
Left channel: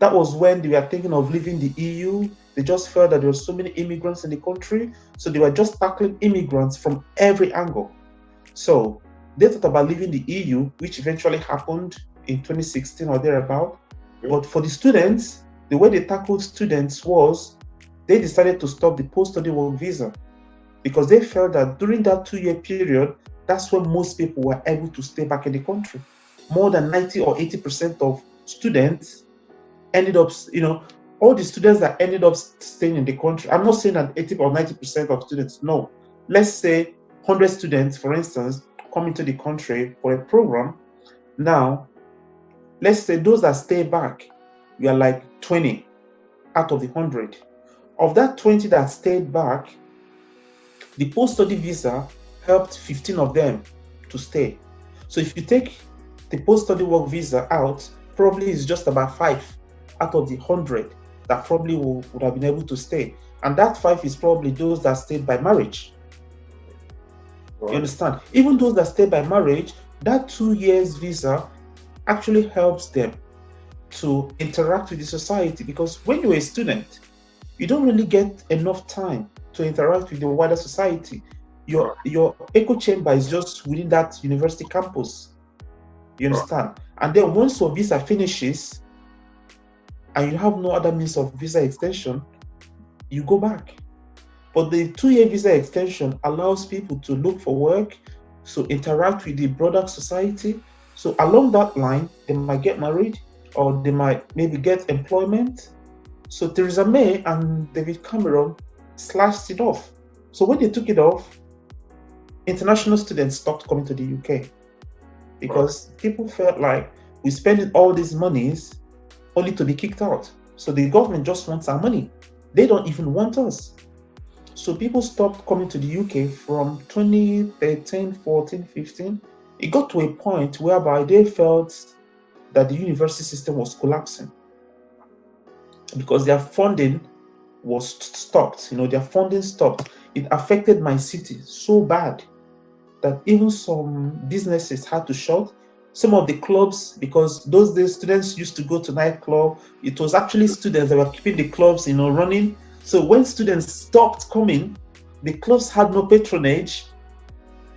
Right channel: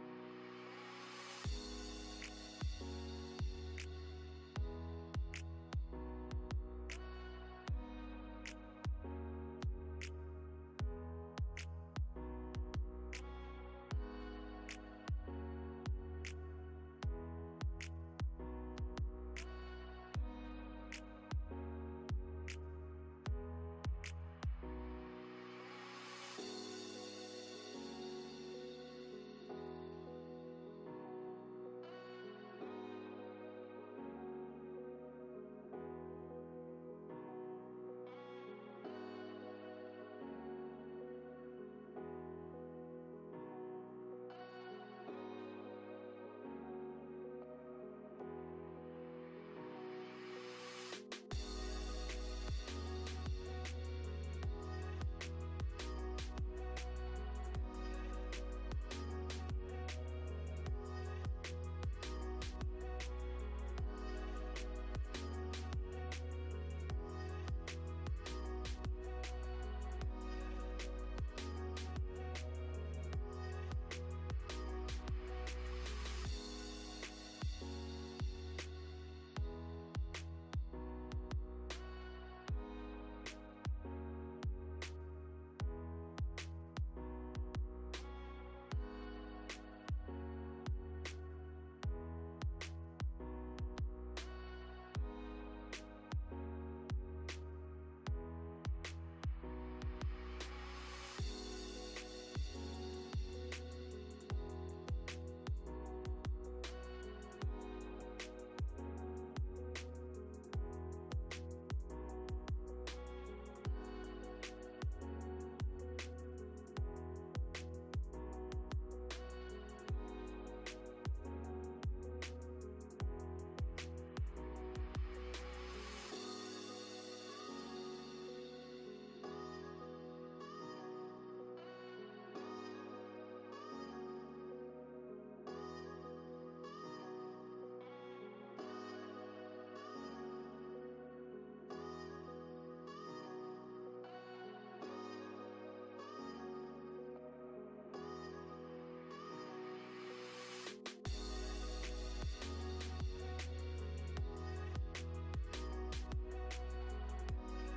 That was when they were thinking of leaving the EU. They just felt that there were so many immigrants in the country. So they were just tackling immigrants from every angle. So they thought about leaving the EU, which eventually happened in 2016 or thereabout. But for the students, the way they tackled students was they decided to stop the post-study work visa, because they felt that during that 2-year period, that's when most people were able to stay back in the country. More than 90 or 80% of students ended up, all the students that ended up staying in the country, I'm not saying that 80 or 90% of students, no. Let's say 100 students, for instance, come into the country for a program. Now, let's say those that stay back, we are like 20 out of the 100. Of that 20 that stayed back, the post-study visa helped 15 of them to stay. So if you take the post-study work visa out, probably it's just about 5 out of the 100 that probably would have been able to stay. And that 5 is probably those that stayed by marriage. Wow. You understand? Even those that stay by marriage, that 2 years visa actually helps them to interact with the society, because when you're a student, you don't really get enough time to interact with the wider society. Your echo chamber is just within that university campus. You understand? And then once your visa finishes and you have no other means of visa extension, you go back. But the 2-year visa extension allows people to look for work, so interact with the broader society. So along that line, they might get married, or they might maybe get employment. So Theresa May and David Cameron slashed it off. So when they took it off, international students stopped coming to the UK, because people felt like we're spending all these monies only to be kicked out. So the government just wants our money. They don't even want us. So people stopped coming to the UK from 2013, 14, 15. It got to a point whereby they felt that the university system was collapsing because their funding was stopped. Their funding stopped. It affected my city so bad that even some businesses had to shut. Some of the clubs, because those days students used to go to nightclub, it was actually students that were keeping the clubs, running. So when students stopped coming, the clubs had no patronage.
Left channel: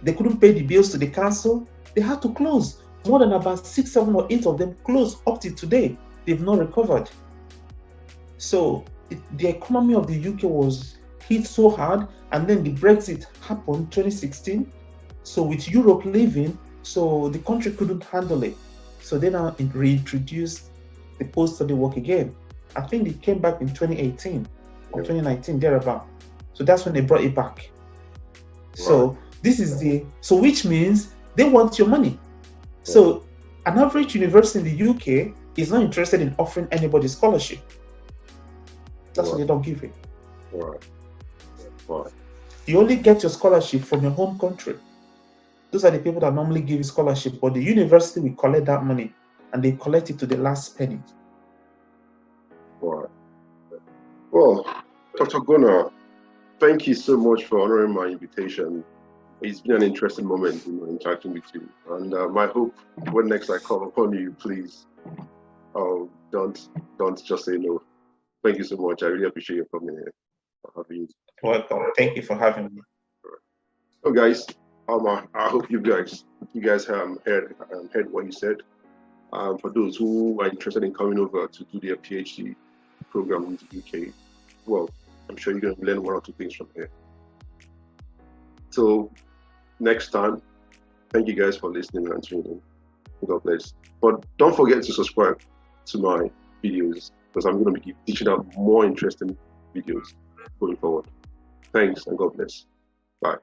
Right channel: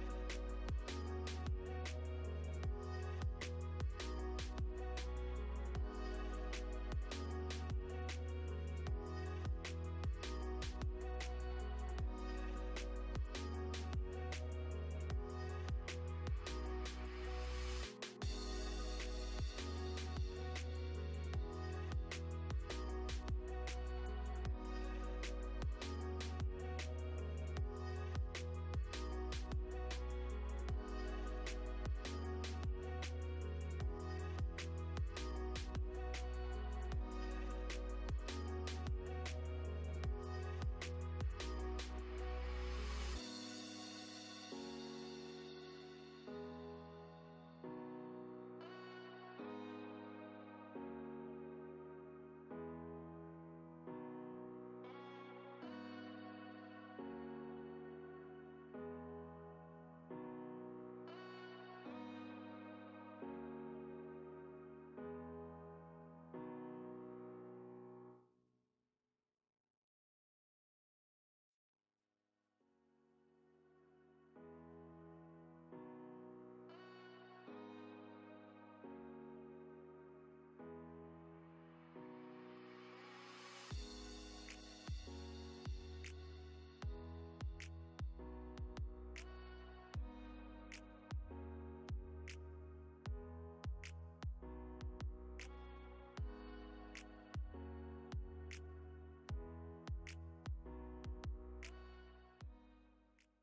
They couldn't pay the bills to the council. They had to close. More than about 6, 7, or 8 of them closed up to today. They've not recovered. So the economy of the UK was hit so hard, and then the Brexit happened 2016. So with Europe leaving, so the country couldn't handle it. So they now reintroduced the post-study work again. I think it came back in 2018 or 2019, thereabout. So that's when they brought it back. So this is which means they want your money. So an average university in the UK is not interested in offering anybody scholarship. That's why they don't give it. You only get your scholarship from your home country. Those are the people that normally give you scholarship, but the university will collect that money and they collect it to the last penny. Well, Dr. Gunnar, thank you so much for honoring my invitation. It's been an interesting moment, interacting with you. And my hope, when next I call upon you, please, don't just say no. Thank you so much. I really appreciate you coming here. Welcome. Thank you for having me. So, guys, I hope you guys heard what you said. For those who are interested in coming over to do their PhD program in the UK, well, I'm sure you're going to learn 1 or 2 things from here. So next time, thank you guys for listening and tuning in. God bless. But don't forget to subscribe to my videos, because I'm going to be teaching out more interesting videos going forward. Thanks, and God bless. Bye.